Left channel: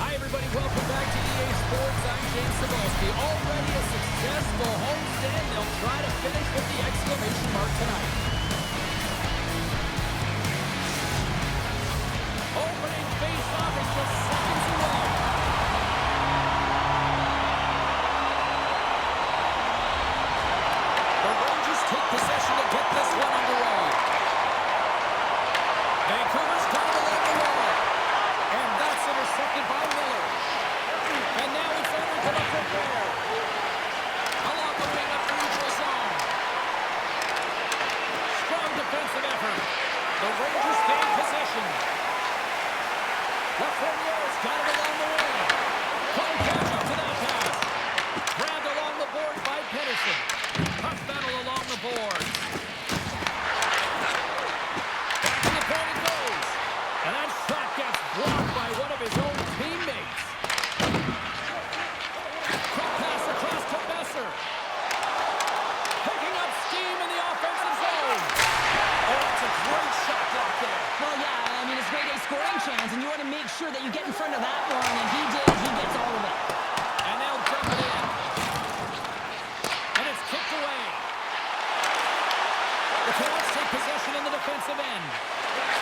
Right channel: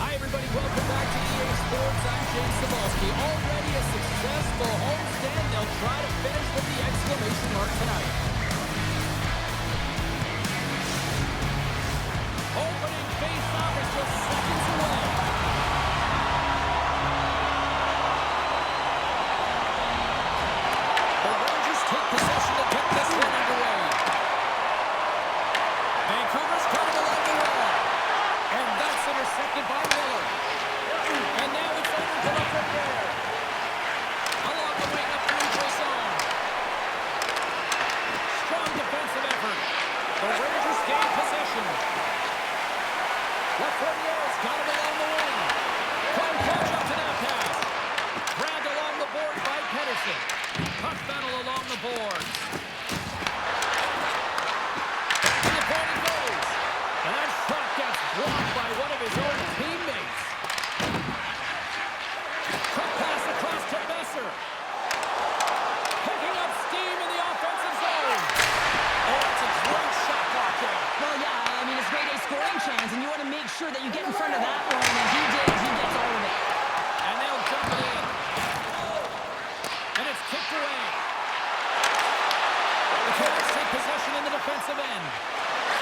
Hi, everybody. Welcome back to EA Sports. I'm James Cebulski. Already a successful homestand. They'll try to finish with the exclamation mark tonight. Opening face-off is just seconds away. The Rangers take possession to get this one underway. Vancouver's coming along the wall. And that's intercepted by Miller. And now it's over to the football. Along the wing up the neutral zone. Strong defensive effort. The Rangers gain possession. Lafreniere's got it along the wing. Fun catch up to that pass. Grabbed along the boards by Pedersen. Puck battle along the boards. Back to the point it goes. And that shot gets blocked by one of his own teammates. Quick pass across to Besser. Picking up steam in the offensive zone. Oh, that's a great shot block there. Well, yeah, I mean, it's grade A scoring chance, and you want to make sure that you get in front of that one, and he did. He gets all of it. And they'll dump it in. And it's kicked away. The Canucks take possession in the defensive end.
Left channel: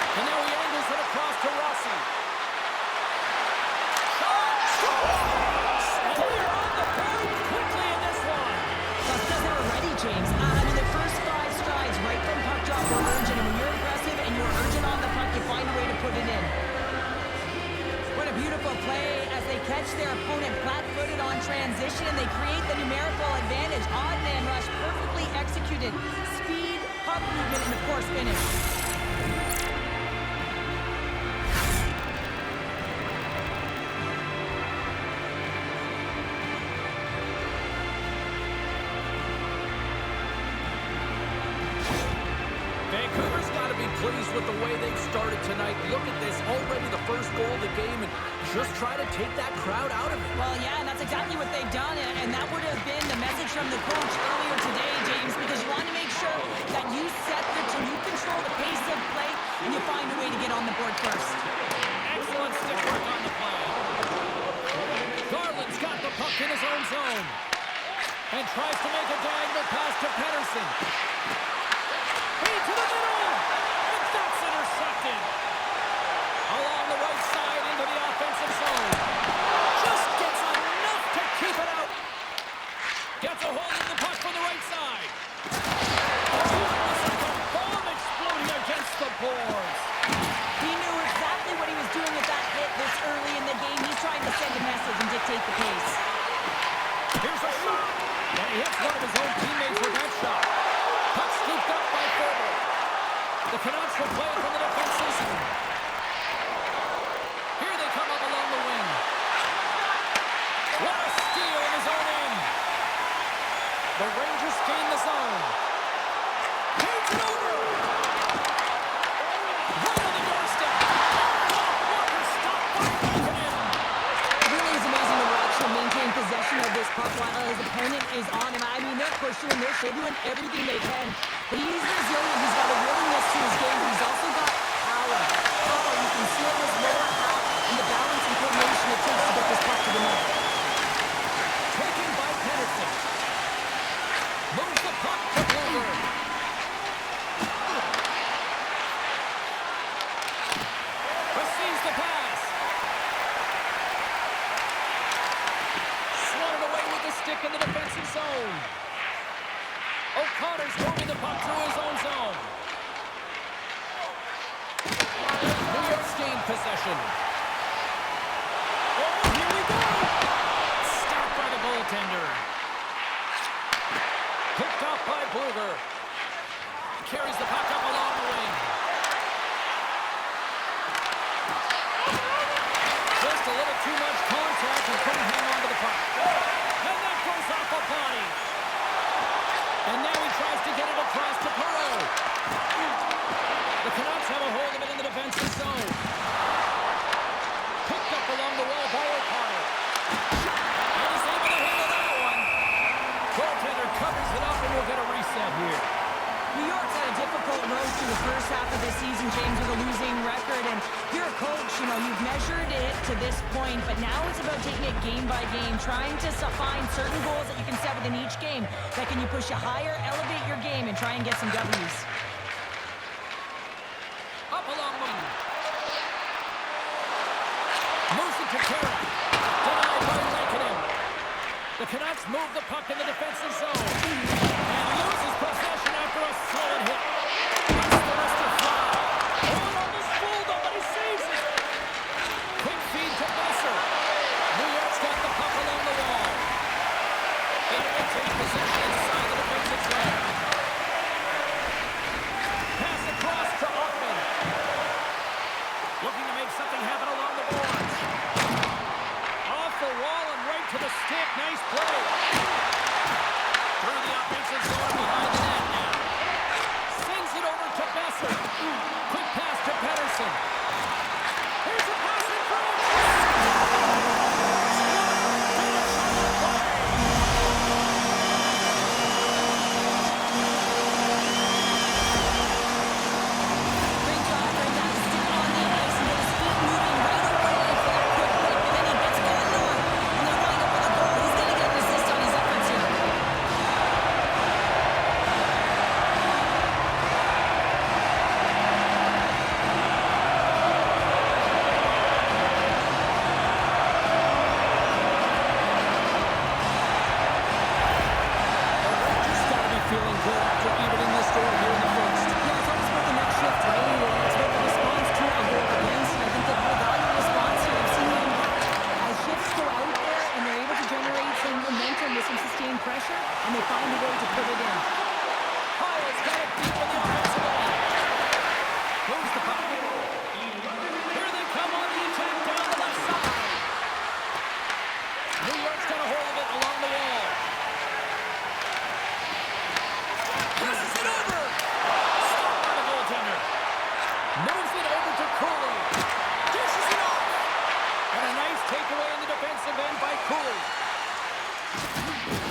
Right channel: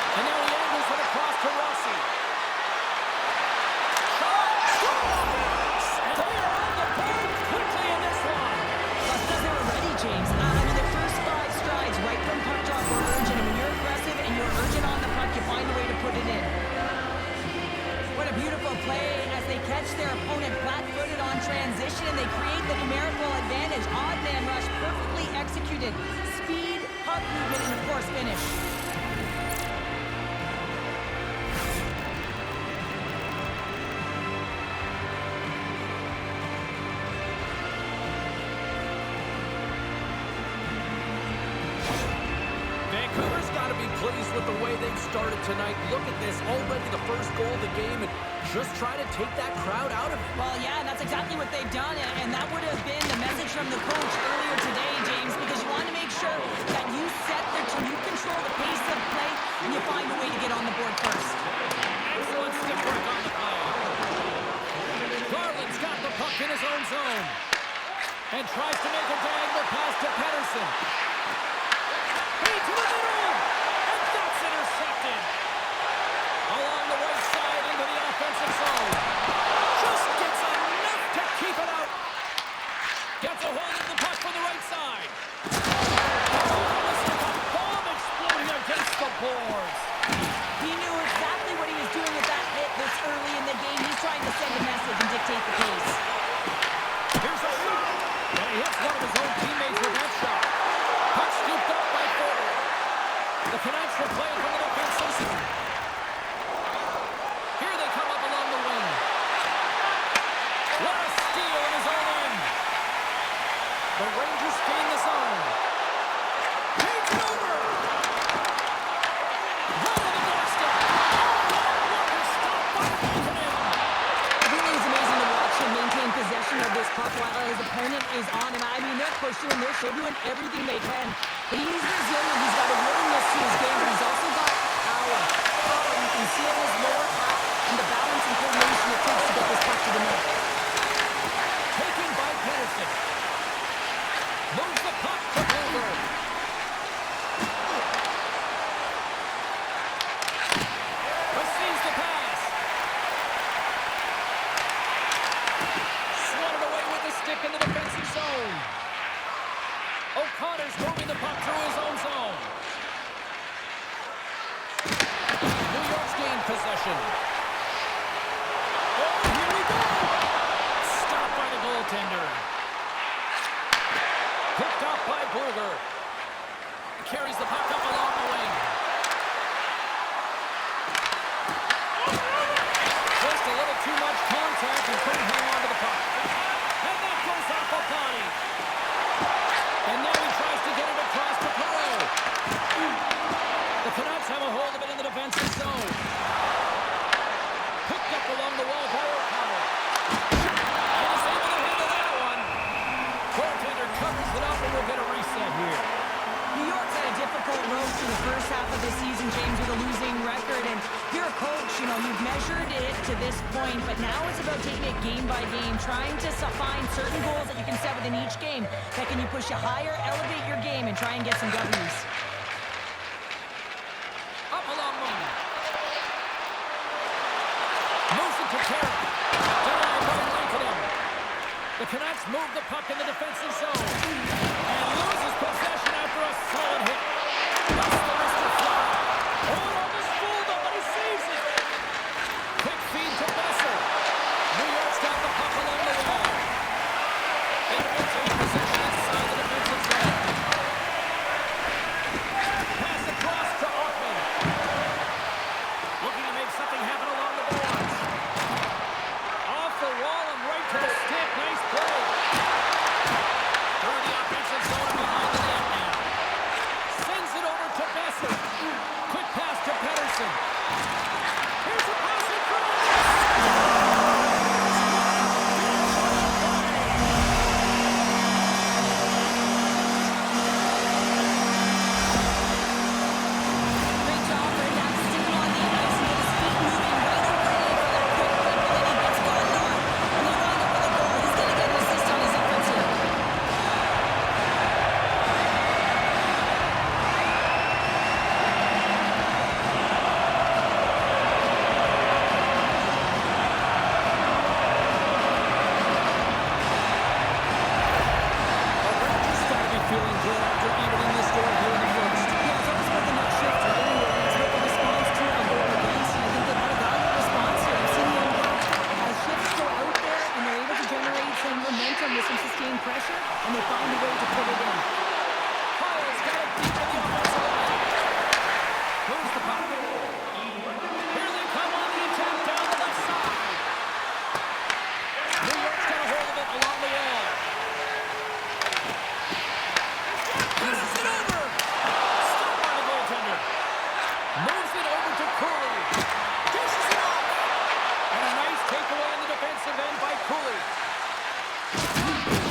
And now he angles it across to Rossi. And they are on the board quickly in this one. Well, because they were ready, James. I mean, the first 5 strides right from puck drop were urgent, and when you're aggressive and you're urgent on the puck, you find a way to put it in. What a beautiful play as they catch their opponent flat-footed on transition, and they create the numerical advantage. Odd man rush, perfectly executed. Speed, puck movement, and of course, finish. Vancouver's got to be pleased with the way they've started tonight. Look at this, already the first goal of the game, and just try to take that crowd out of it. Well, yeah, and that's exactly what they've done, and that would have been the message from the coach earlier today, James, because you want to make sure that you set the tone, you control the pace of play, and you find a way to get on the board first. Excellent stick work on the play. Garland's got the puck in his own zone and tries to make a diagonal pass to Pedersen. Feed to the middle, and that's intercepted. Along the right side into the offensive zone. Just gets enough to keep it out. Gets a hold of the puck from the right side. Oh, it was like a bomb exploding against the boards. He knew exactly what he was doing with that hit this early in the game. He's trying to send a message and dictate the pace. Here's a shot. And he hits one of his own teammates with that shot. Puck scooped up by Forward. The Canucks will play it from the defensive zone. Here they come up along the wing. What a steal in his own end. The Rangers gain the zone. Takes it over. Right on the doorstep. Walker stopped by Bolton. It really is amazing to watch him maintain possession of this puck while his opponent is on him. I mean, they're pushing him, they're doing everything they can. But he's resilient, he's got a willingness to his game, but he's also got power. Power, you can see it in his lower half and the balance and coordination it takes to get this puck to the net. Taken by Pedersen. Moves the puck to Bluebird. Receives the pass. Swatted away with the stick in the defensive zone. O'Connor's moving the puck through his own zone. New York's gained possession. Oh, here we go! Stopped by the goaltender. Picked up by Bluger. Carries the puck up along the wing. Just a little too much contact and couldn't hang on to the puck. And that goes off a body. And now he tries to get it across to Perreault. The Canucks have a hold of it in the defensive zone. Picked up along the wall by O'Connor. And he's able to handle that one. Goaltender covers it up, and we'll get a reset here. New York's had a difficult road through the first half of the season, James, with a losing record. And you're a coach, you know, you've measured it to this point, but now it's about taking it game by game, trying to find certain goals that you can set within each game that can you push you higher, elevate your game, and try and get some W's. Up along the wing. Moves it to Terry. Denied by Lankinen. The Canucks move the puck in the defensive zone. And loses possession after a solid hit. That's the wrister fly. Oh, it almost fooled him, but he saves it. Quick feed to Besser. New York's got the puck along the wall. They maintain possession inside the defensive zone. Pass across to Hoffman. Looking to make something happen along the boards. Off the wall and right to the stick. Nice play. Through the offensive zone behind the net now. Sends it over to Besser. Quick pass to Pettersson. Here's a pass in front. What a finish on the play. Great job, Brendan, sticking on the ice and get his feet moving right away for that quick break, and then he gets going north, and they wind up with a goal. He's going to get an assist on his efforts here. The Rangers got to be feeling good after evening the score here in the first. Yeah, it's always about the next shift, right? It's about the response to a goal against, and I think they've had a valuable response here. I've seen the impact as shifts go out there, and they're able to generate some momentum with some sustained pressure, and they find a way to put it in. Hall's got it deep in the offensive end. Moves the puck. Here they come on the attack down the left side. New York's got a hold of it along the wall. Passes it over. Stopped by the goaltender. Moves it over to Cooley. Dishes it off. And a nice takeaway in the defensive end by Cooley.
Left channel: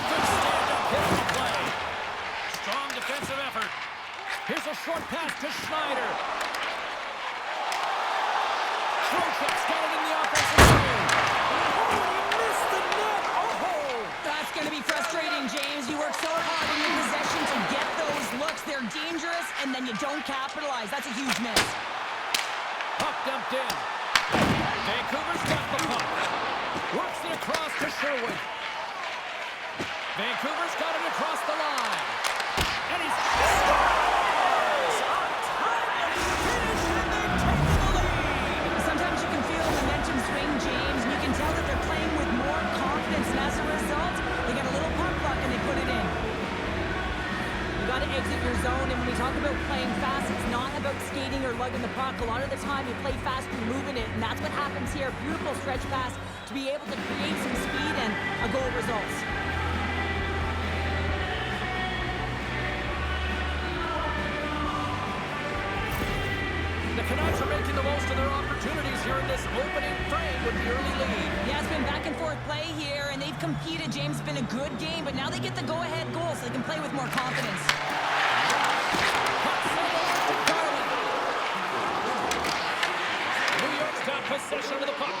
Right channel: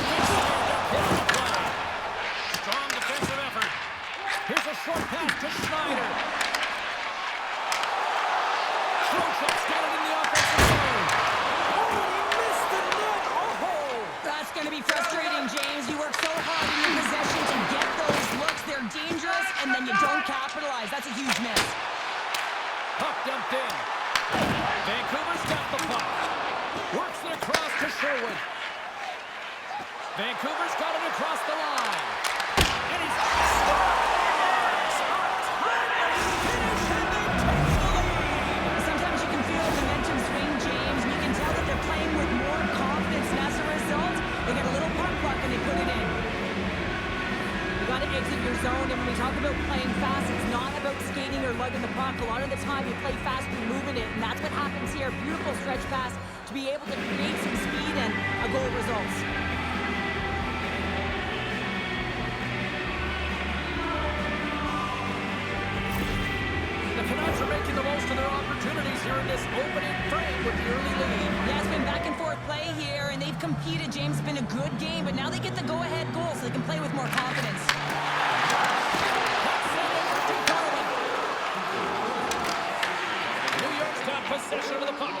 Good stand-up hit on the play. Strong defensive effort. Here's a short pass to Schneider. Trocheck's got it in the offensive zone. Oh, he missed the net. Oh! That's going to be frustrating, James. You work so hard in your possession to get those looks. They're dangerous, and then you don't capitalize. That's a huge miss. Puck dumped in. Vancouver's got the puck. Works it across to Sherwood. Vancouver's got it across the line. And he scores! A timely finish, and they've taken the lead. Sometimes you can feel momentum swing, James, and you can tell that they're playing with more confidence, and as a result, they get a little puck luck and they put it in. You got to exit your zone, and when we talk about playing fast, it's not about skating or lugging the puck. A lot of the time, you play fast through moving it, and that's what happens here. Beautiful stretch pass to be able to create some speed, and a goal results. The Canucks are making the most of their opportunities here in this opening frame with the early lead. Yeah, it's been back and forth play here, and they've competed. James, it's been a good game, but now they get the go-ahead goal, so they can play with more confidence. Puck sent over to Garland. New York's got possession of the puck.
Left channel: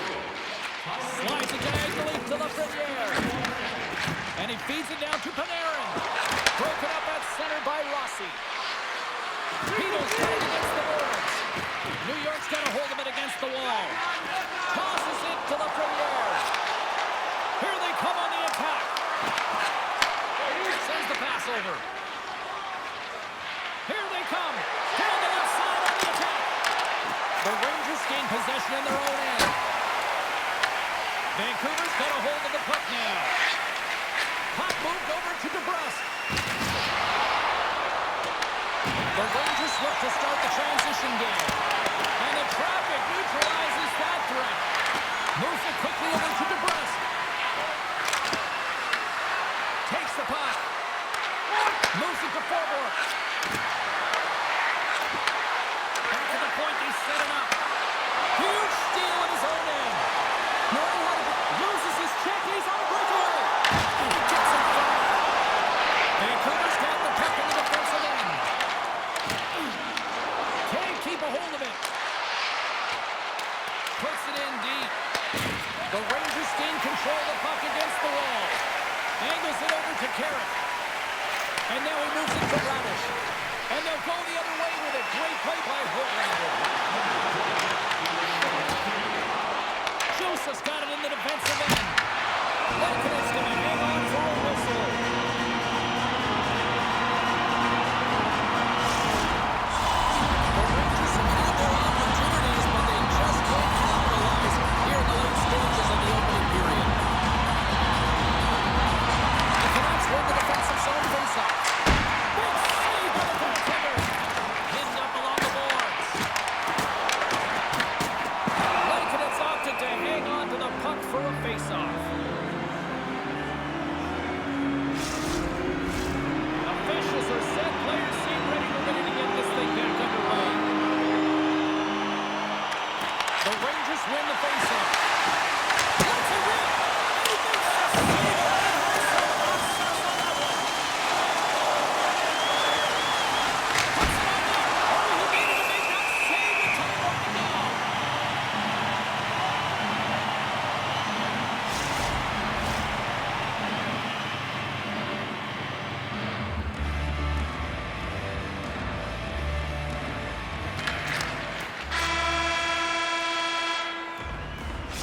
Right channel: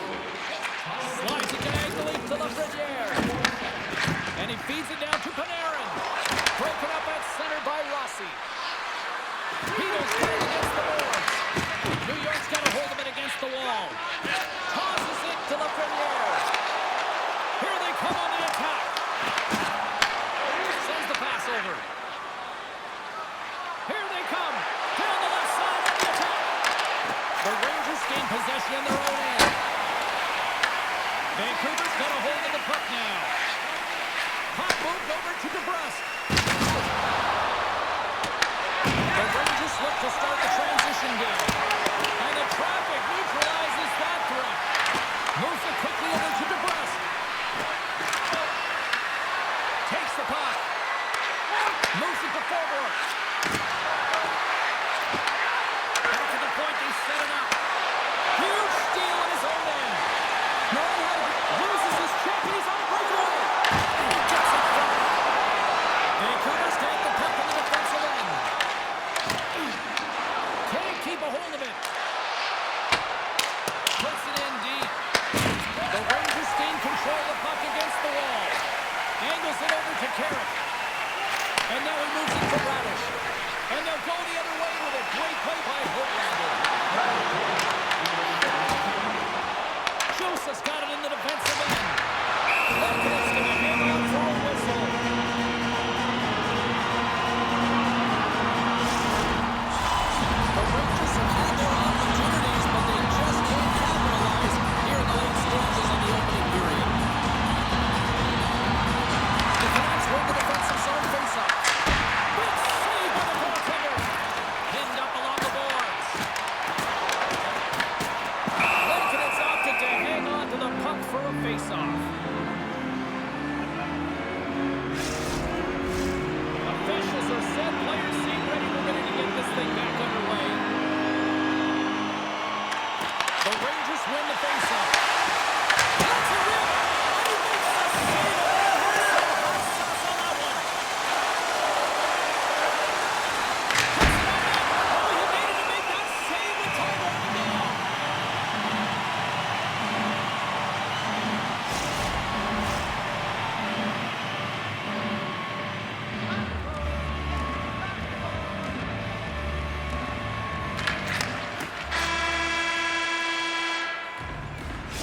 Slides it diagonally to Lafreniere. And he feeds it down to Panarin. Broken up at center by Rossi. Beatles got it against the boards. New York's got a hold of it against the wall. Tosses it to Lafreniere. Here they come on the attack. Sends the pass over. Here they come. Down the left side on the attack. The Rangers gain possession in their own end. Vancouver's got a hold of the puck now. Puck moved over to DeBrusque. The Rangers look to start the transition game. And the traffic neutralizes that threat. Moves it quickly over to DeBrusque. Takes the puck. Moves it to forward. Back to the point, they set it up. Huge steal in his own end. Knowing how to loses his check, and he's on a breakaway. And he gets it from Vancouver's got the puck in the defensive end. The Rangers gain control of the puck against the wall. Angles it over to Carrick. And now he moves it to Radish. And they'll go the other way with it. Great play by Hortlander. Joseph's got it in the defensive end. Lakin's going to hang on for a whistle. The Rangers have had their opportunities, but they just can't capitalize here in the late stages of the opening period. The Canucks win the defensive zone faceoff. Big save by the goaltender. Pinned up along the boards. Lakin's opted to hang on to the puck for a faceoff. Officials are set. Players seem ready. We're ready to get this thing back underway. The Rangers win the faceoff. Let's it rip. And he makes the save. Some hot sauce on that one. Puts it on net. Oh, he needed to make that save with time running down.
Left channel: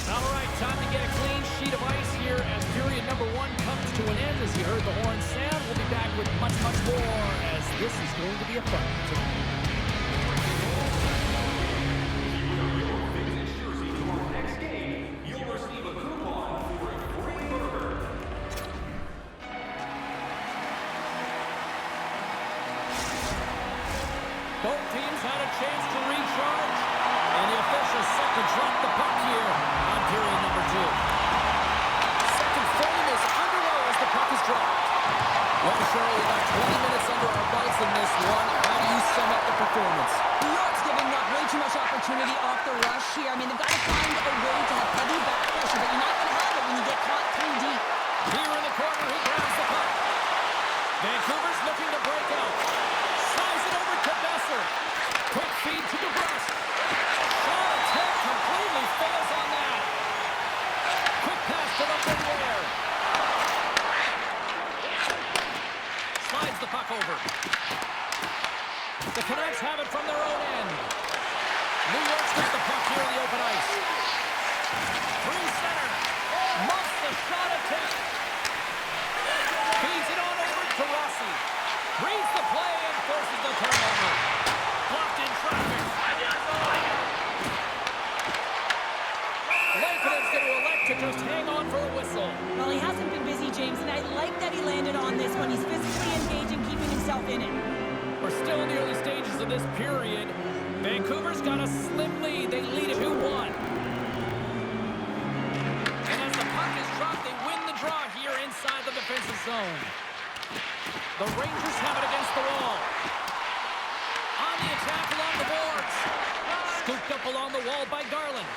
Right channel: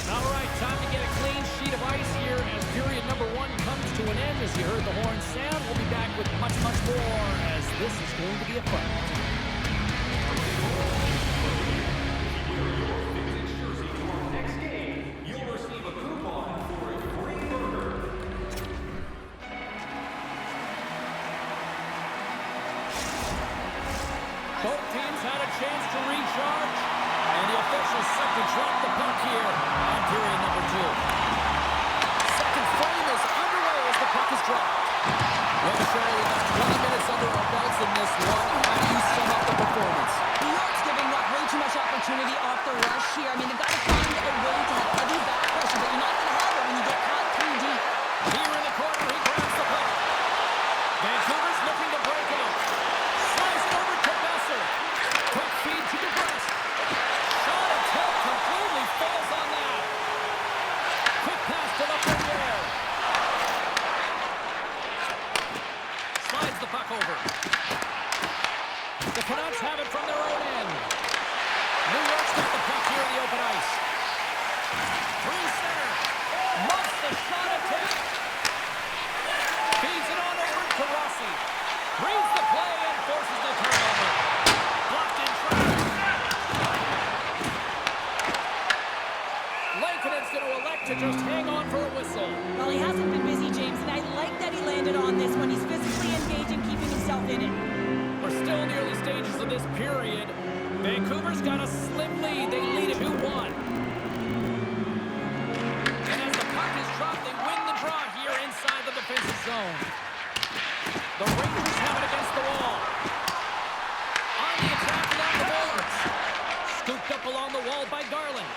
All right, time to get a clean sheet of ice here as period number 1 comes to an end. As you heard the horn sound, we'll be back with much, much more as this is going to be a fun one. If you wear your vintage jersey to our next game, you'll receive a coupon for a free burger. Both teams had a chance to recharge, and the officials set to drop the puck here on period number 2. Second frame is underway as the puck is dropped. Well, Cheryl, we've got 20 minutes under our belts in this one. How do you sum up the performance? New York's giving up way too much opportunity off the rush here. I mean, they've got to find a way to have heavy back pressure, but you're not going to have it when you get caught 3 deep. Here in the corner, he grabs the puck. Vancouver's looking to break out. Slides it over to Besser. Quick feed to DeBrusque. Shot attempt completely fails on that. Quick pass to the Bernier. Slides the puck over. The Canucks have it from their own end. New York's got the puck here in the open ice. Through center. Muffs the shot attempt. Feeds it on over to Rossi. Reads the play and forces the turnover. Blocked in traffic. Lakin's going to elect to just hang on for a whistle. Well, he hasn't been busy, James, and I like that he landed on this one. He's physically engaging, keeping himself in it. We're still in the early stages of this period. Vancouver's got a slim lead. They lead it 2-1. And as the puck is dropped, they win the draw here inside the defensive zone. The Rangers have it against the wall. On the attack along the boards. Scooped up along the wall by Garland.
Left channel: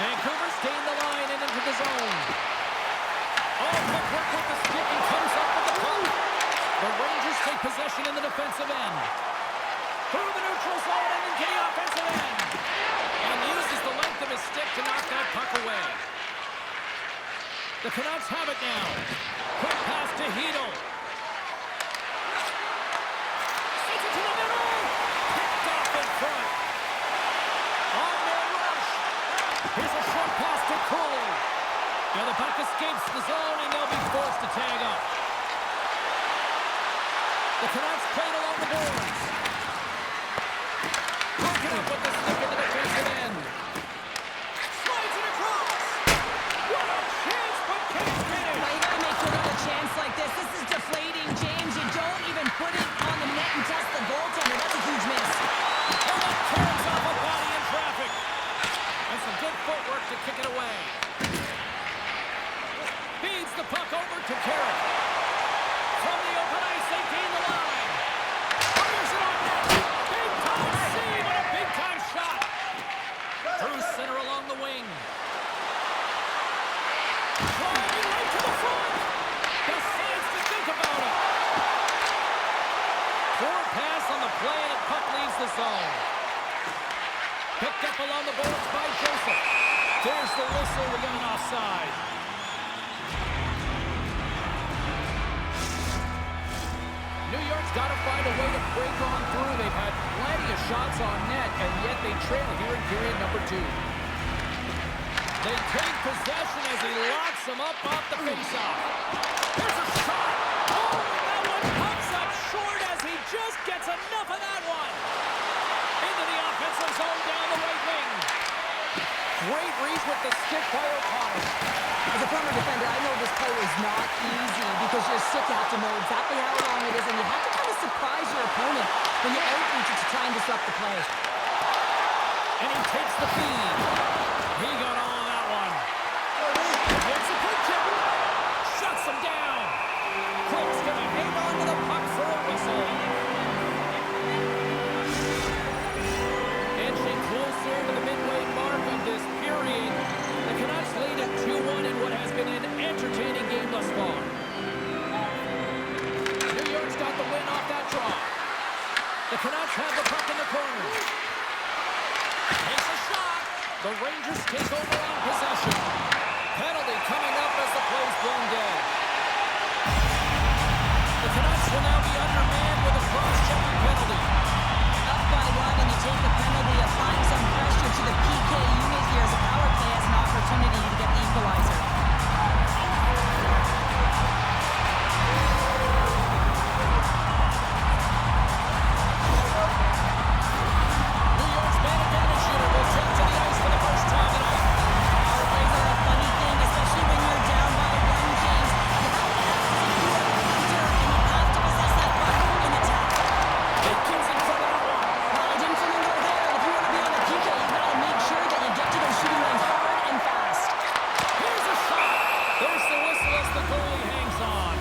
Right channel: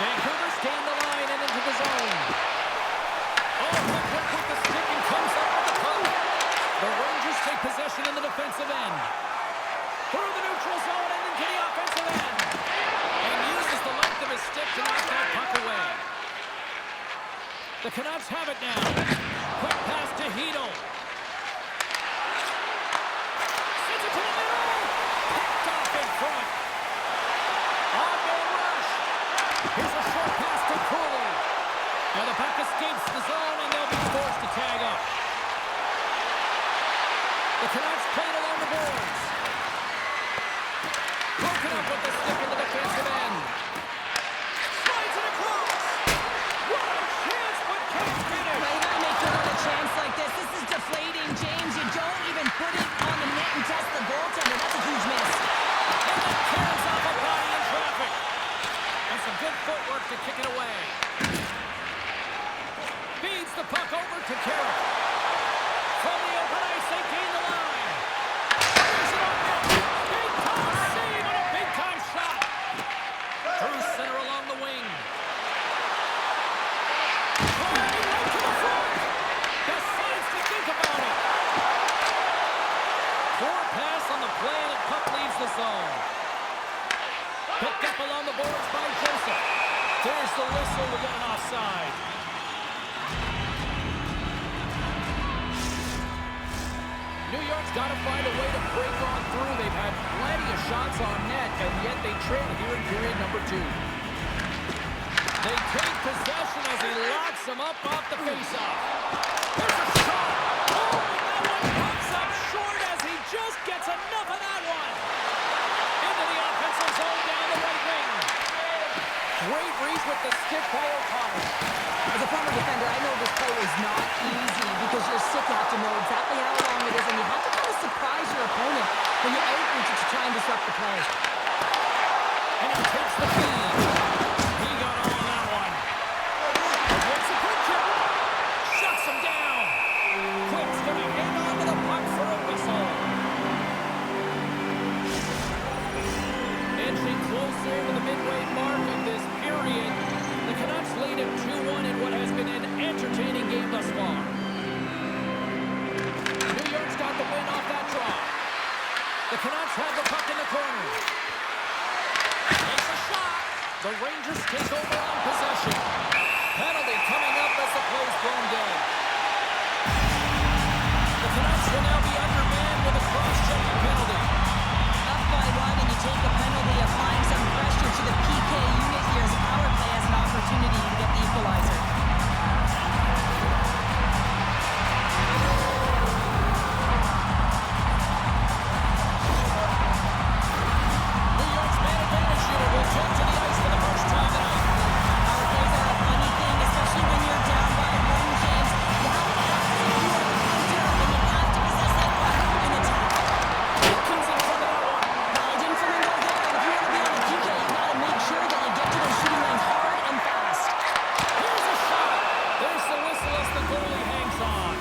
Vancouver's gained the line and into the zone. Oh, quick work with the stick and comes up with the puck. The Rangers take possession in the defensive end. Through the neutral zone and into the offensive end. And uses the length of his stick to knock that puck away. The Canucks have it now. Quick pass to Hedl. Sends it to the middle. Picked off in front. On-man rush. Here's a short pass to Cooley. Now the puck escapes the zone and they'll be forced to tag up. The Canucks played along the boards. Broken up with the stick in the defensive end. Slides it across. What a chance, but can't finish. Now, you got to make sure with a chance like this. This is deflating, James. You don't even put it on the net and test the goaltender. That's a huge miss. And that tears off a body in traffic. And some good footwork to kick it away. Feeds the puck over to Carrick. From the open ice, they gain the line. Fires it on net. Big time save and a big time shot. Through center along the wing. Driving right to the front. Decides to think about it. Poor pass on the play and the puck leaves the zone. Picked up along the boards by Joseph. There's the whistle. We got an offside. New York's got to find a way to break on through. They've had plenty of shots on net, and yet they trail here in period number 2. They take possession as he locks them up off the faceoff. Here's a shot. Oh, that one comes up short as he just gets enough of that one. Into the offensive zone down the right wing. Great reach with the stick by O'Connor. As a former defender, I know this play is not easy because you're sick. You have to know exactly how long it is, and you have to kind of surprise your opponent when you outreach it to try and disrupt the play. And he takes the feed. He got all on that one. What's the quick check? Shuts him down. Quick's going to hang on to the puck for a whistle. Inching closer to the midway mark of this period. The Canucks lead at 2-1 in what has been an entertaining game thus far. New York's got the win off that draw. The Canucks have the puck in the corner. Takes a shot. The Rangers take over on possession. Penalty coming up as the play's blown dead. The Canucks will now be undermanned with a cross-checking penalty. Up by 1 and you take the penalty, applying some pressure to the PK unit here as the power play has an opportunity to get the equalizer. New York's man advantage unit will take to the ice for the first time tonight. Power plays are a funny thing, especially when you're down by 1, James. You have to act like you are the hunter, and you have to possess that puck and attack. Atkins in front of that one. Well, I didn't come in go there, and if you want to be on the PK, you've got to make sure that you get to those shooting lanes hard and fast. Here's a shot. There's the whistle as the goalie hangs on.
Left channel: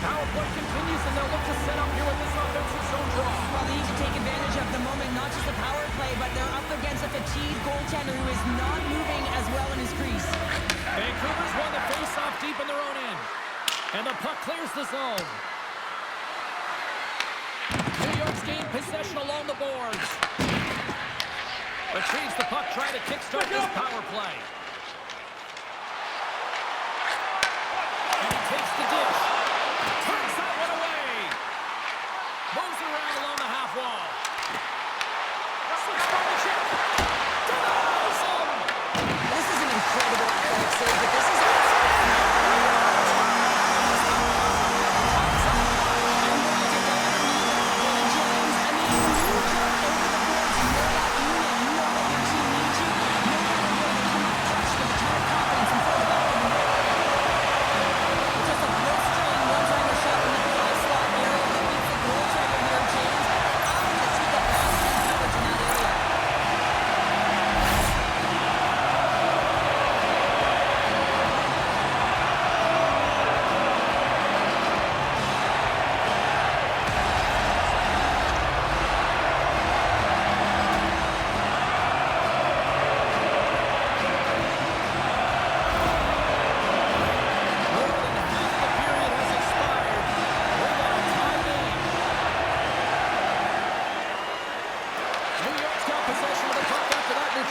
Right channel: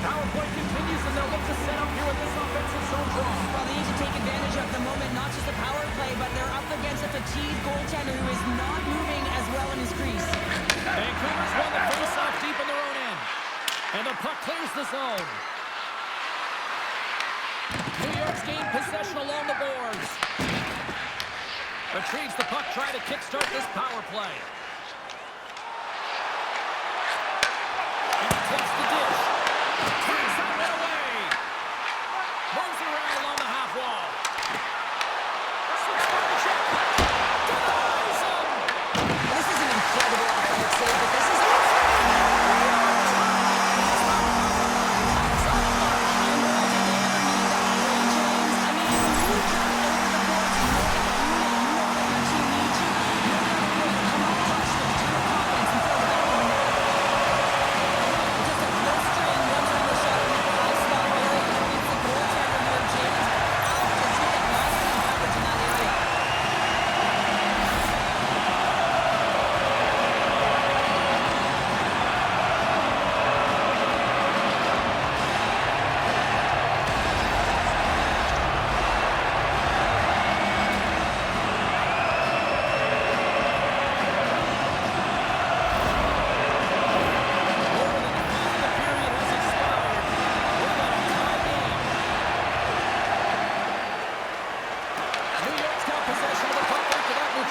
Power play continues, and they'll look to set up here with this offensive zone draw. Well, they need to take advantage of the moment, not just the power play, but they're up against a fatigued goaltender who is not moving as well in his crease. Vancouver's won the face-off deep in their own end. And the puck clears the zone. New York's gained possession along the boards. Retrieves the puck, trying to kickstart this power play. And he takes the dish. Turns that one away. Moves it around along the half wall. Slips by the check. Denies him. This is an incredible athletic save, but this is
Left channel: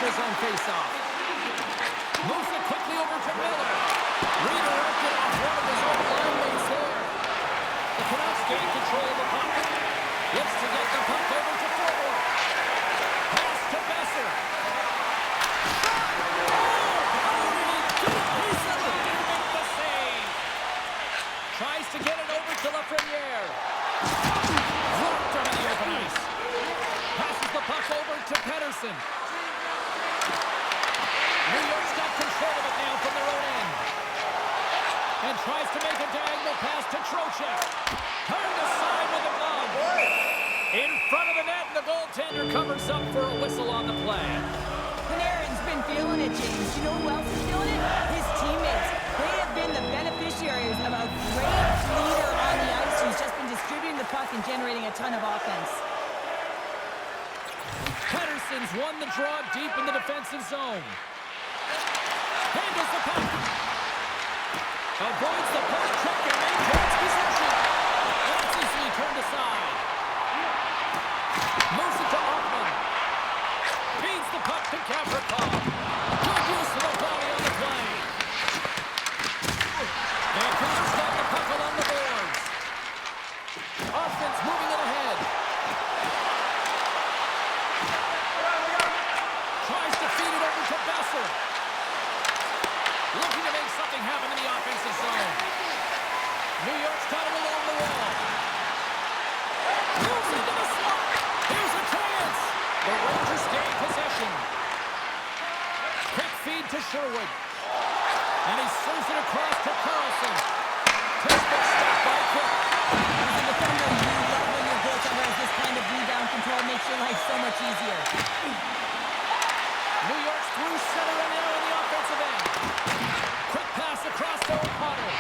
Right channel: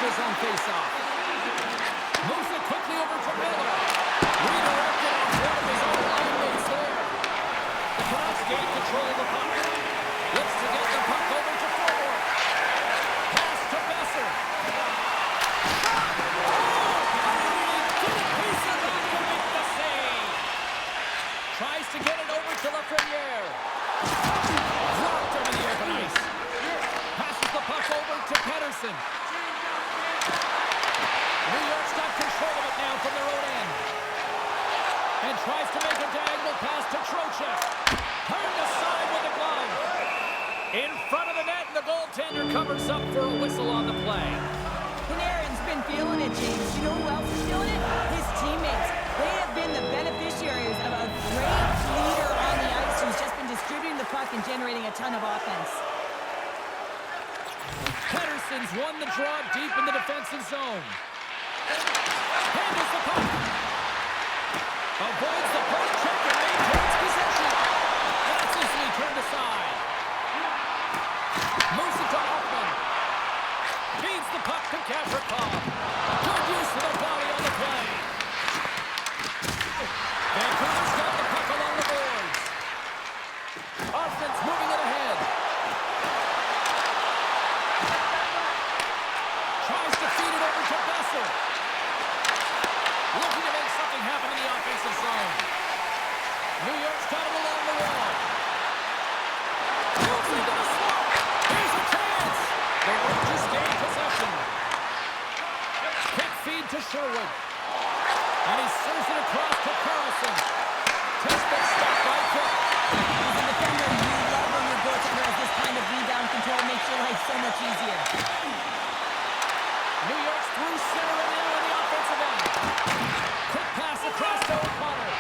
zone face-off. Moves it quickly over to Miller. Redirected off one of his own line mates there. The Canucks gain control of the puck. Looks to get the puck over to forward. Pass to Besser. Shot! Oh, did he get a piece of that to make the save? Tries to get it over to Lafreniere. Dropped him in the open ice. Passes the puck over to Pettersson. New York's got control of it now from their own end. And tries to make a diagonal pass to Trocheck. Turned aside with the glove. In front of the net, and the goaltender covers up for a whistle on the play. Panarin's been feeling it, James. You know who else is feeling it? His teammates. They have been the beneficiaries of a great leader on the ice who's just been distributing the puck and generating a ton of offense. Pettersson's won the draw deep in the defensive zone. Handles the puck. Avoids the post check and maintains possession. That's easily turned aside. Moves it to Hoffman. Feeds the puck to Gavrikov. Good use of the body on the play. Vancouver's got the puck along the boards. Offense moving it ahead. Tries to feed it over to Besser. Looking to make something happen in the offensive zone. New York's got it along the wall. Moves into the slot. Here's a chance. The Rangers gain possession. Quick feed to Sherwood. And he serves it across to Carlson. Textbook stop by Cook. As a defender, you love when your goaltender has this kind of rebound control. Makes your life so much easier. New York's through center and now in the offensive end. Quick pass across to O'Connor.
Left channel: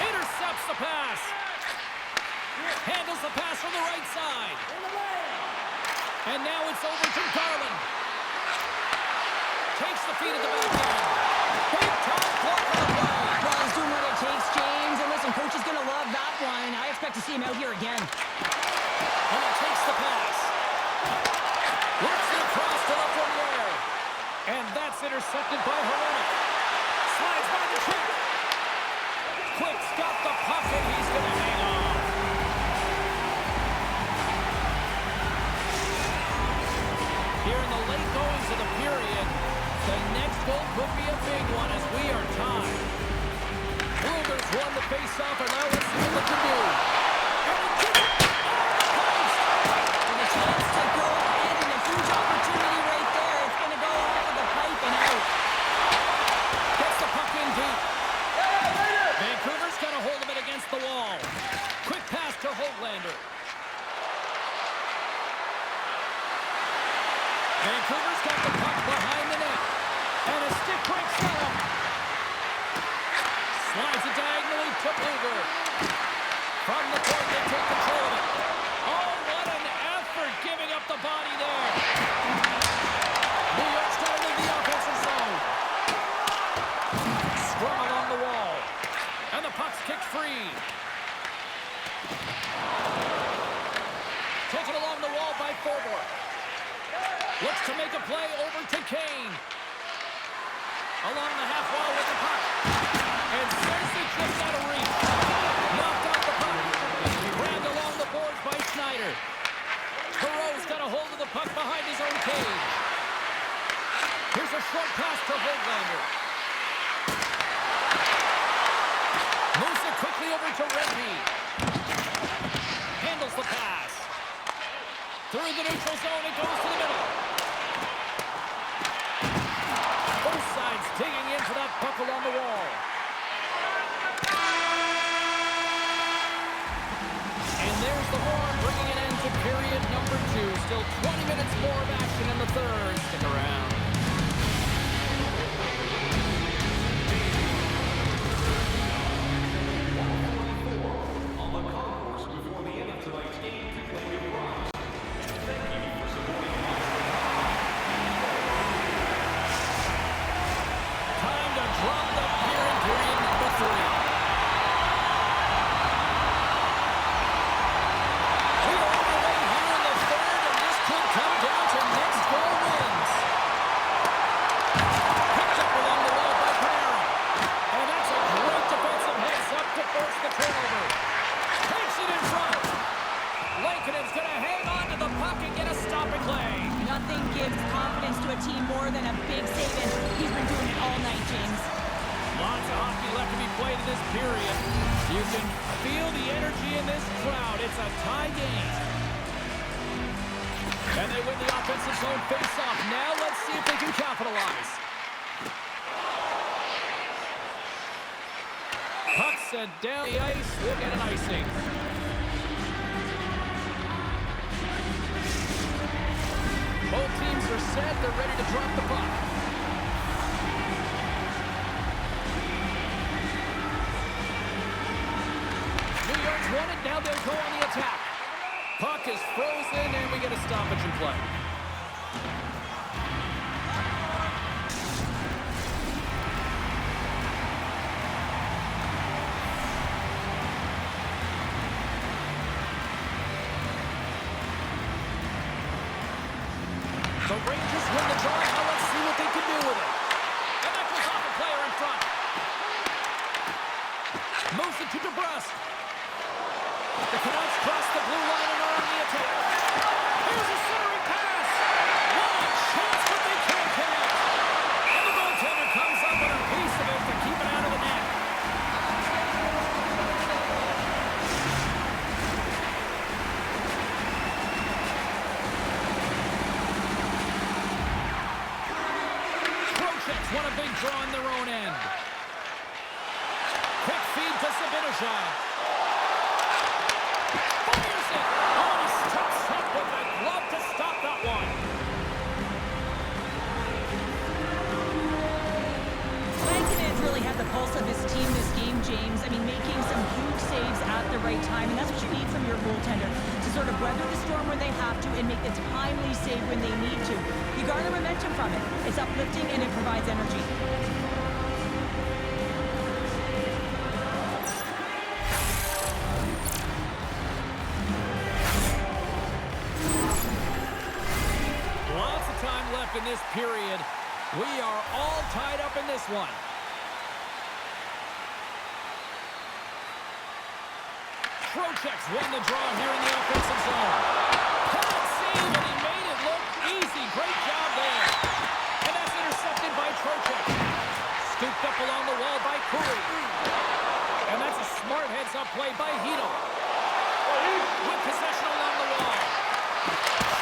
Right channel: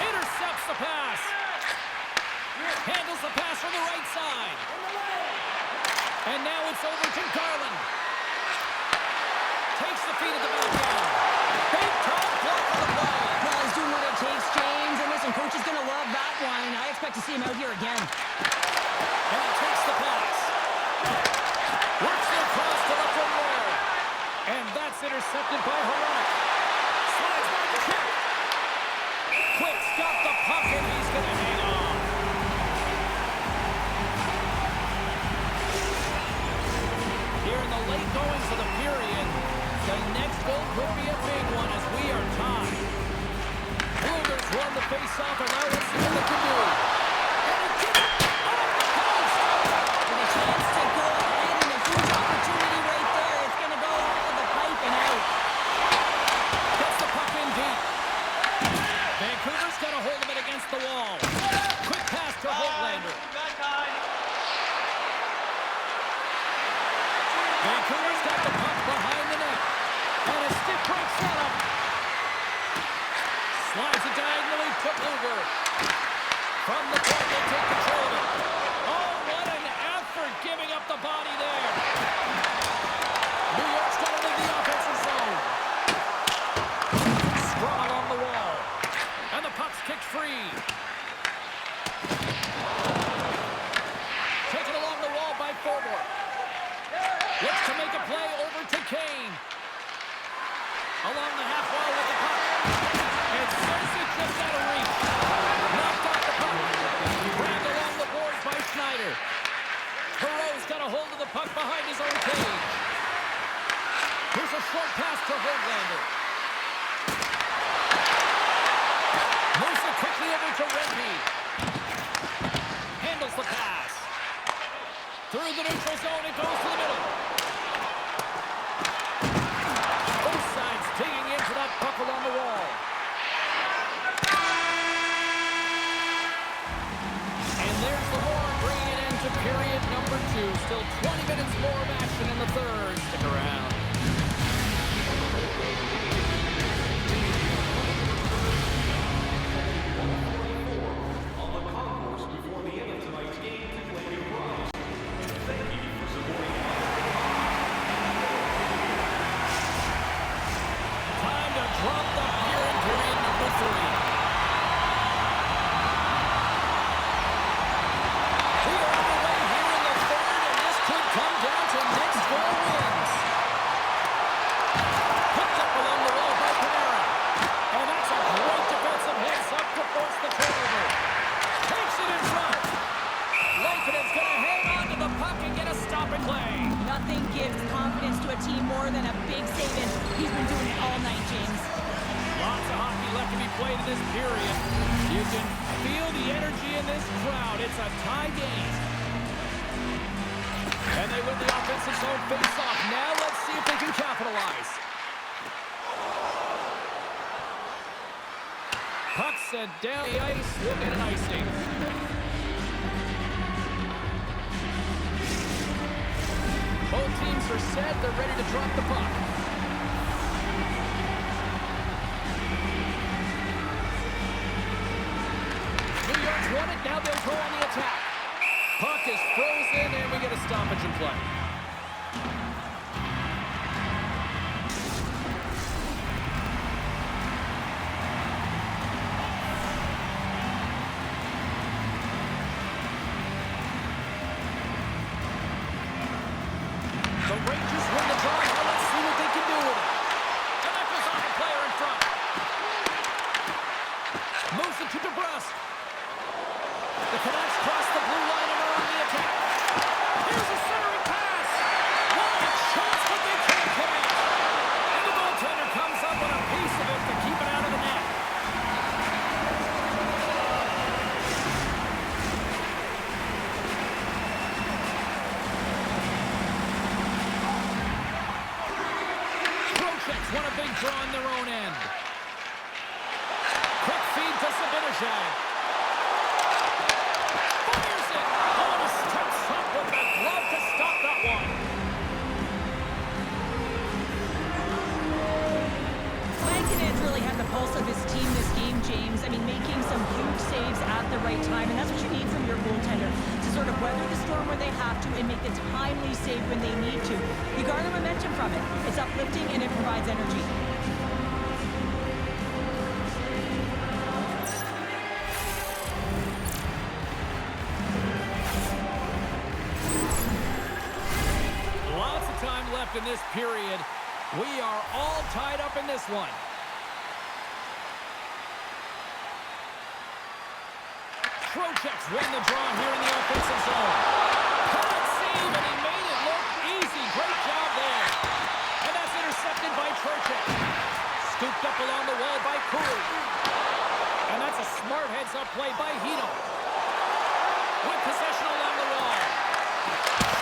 Intercepts the pass. Handles the pass from the right side. And now it's over to Garland. Takes the feed at the back end. Big time block on the play. Well, he's doing what it takes, James. And listen, coach is going to love that one. I expect to see him out here again. And he takes the pass. Works it across to Lafreniere. And that's intercepted by Hronek. Slides by the check. Quick's got the puck and he's going to hang on. Here in the late goings of the period, the next goal could be a big one as we are tied. Blueger's won the face-off, and now let's see what they can do. And he gets it off the post. With a chance to go ahead and a huge opportunity right there. It's going to go off of the pipe and out. Gets the puck in deep. Vancouver's got a hold of it against the wall. Quick pass to Holtlander. Vancouver's got the puck behind the net. And a stick break setup. Slides it diagonally to Blueger. From the point, they take control of it. Oh, what an effort giving up the body there. New York's got it in the offensive zone. Scrum along the wall. And the puck's kicked free. Taken along the wall by Forbort. Looks to make a play over to Kane. Along the half wall with the puck. And sends it just out of reach. Knocked out the puck. Grabbed along the boards by Schneider. Perreault's got a hold of the puck behind his own cage. Here's a short pass to Holtlander. Moves it quickly over to Redby. Handles the pass. Through the neutral zone, it goes to the middle. Both sides digging in for that puck along the wall. And there's the horn bringing an end to period number 2. Still 20 minutes more of action in the third. Stick around. On the concourse before the end of tonight's game to claim your prize. Thank you for supporting Time to drop the gear in period number 3. We are underway here in the third, and this could come down to next 4 wins. Picked up along the wall by Panarin. And that's a great defensive heads-up to force the turnover. Takes it in front. Lankkonen's going to hang on to the puck and get a stop and play. Nothing gives confidence to a team more than a big save, and he's been doing it all night, James. Lots of hockey left to be played in this period. You can feel the energy in this crowd. It's a tie game. And they win the offensive zone face-off. Now let's see if they can capitalize. Puck set down the ice. We'll get an icing. Both teams are set. They're ready to drop the puck. New York's won it. Now they'll go on the attack. Puck is frozen, and we get a stoppage in play. The Rangers win the draw. Now let's see what they can do with it. And that goes off a player in front. Moves it to DeBrusque. The Canucks cross the blue line and are on the attack. Here's a centering pass. What a chance, but they can't connect. And the goaltender comes up with a piece of it to keep it out of the net. Trocheck's won a big draw on their own end. Quick feed to Zibanejad. Fires it! Oh, and he steps up with the glove to stop that one. Lankinen's really had the pulse of his team this game, James. I mean, making some huge saves at the right time, and that's what you need from your goaltender, to sort of weather the storm when they have to and make the timely save when they need to. You garner momentum from it. It's uplifting and it provides energy. Lots of time left in this period. We are all tied up in this one. Trocheck's won the draw here in the offensive zone. Pad save, and he made it look easy. Great job there. And that's intercepted by Trocheck. Scooped up along the wall by Cooley. And that's a smart heads-up play by Hito. With possession along the wall.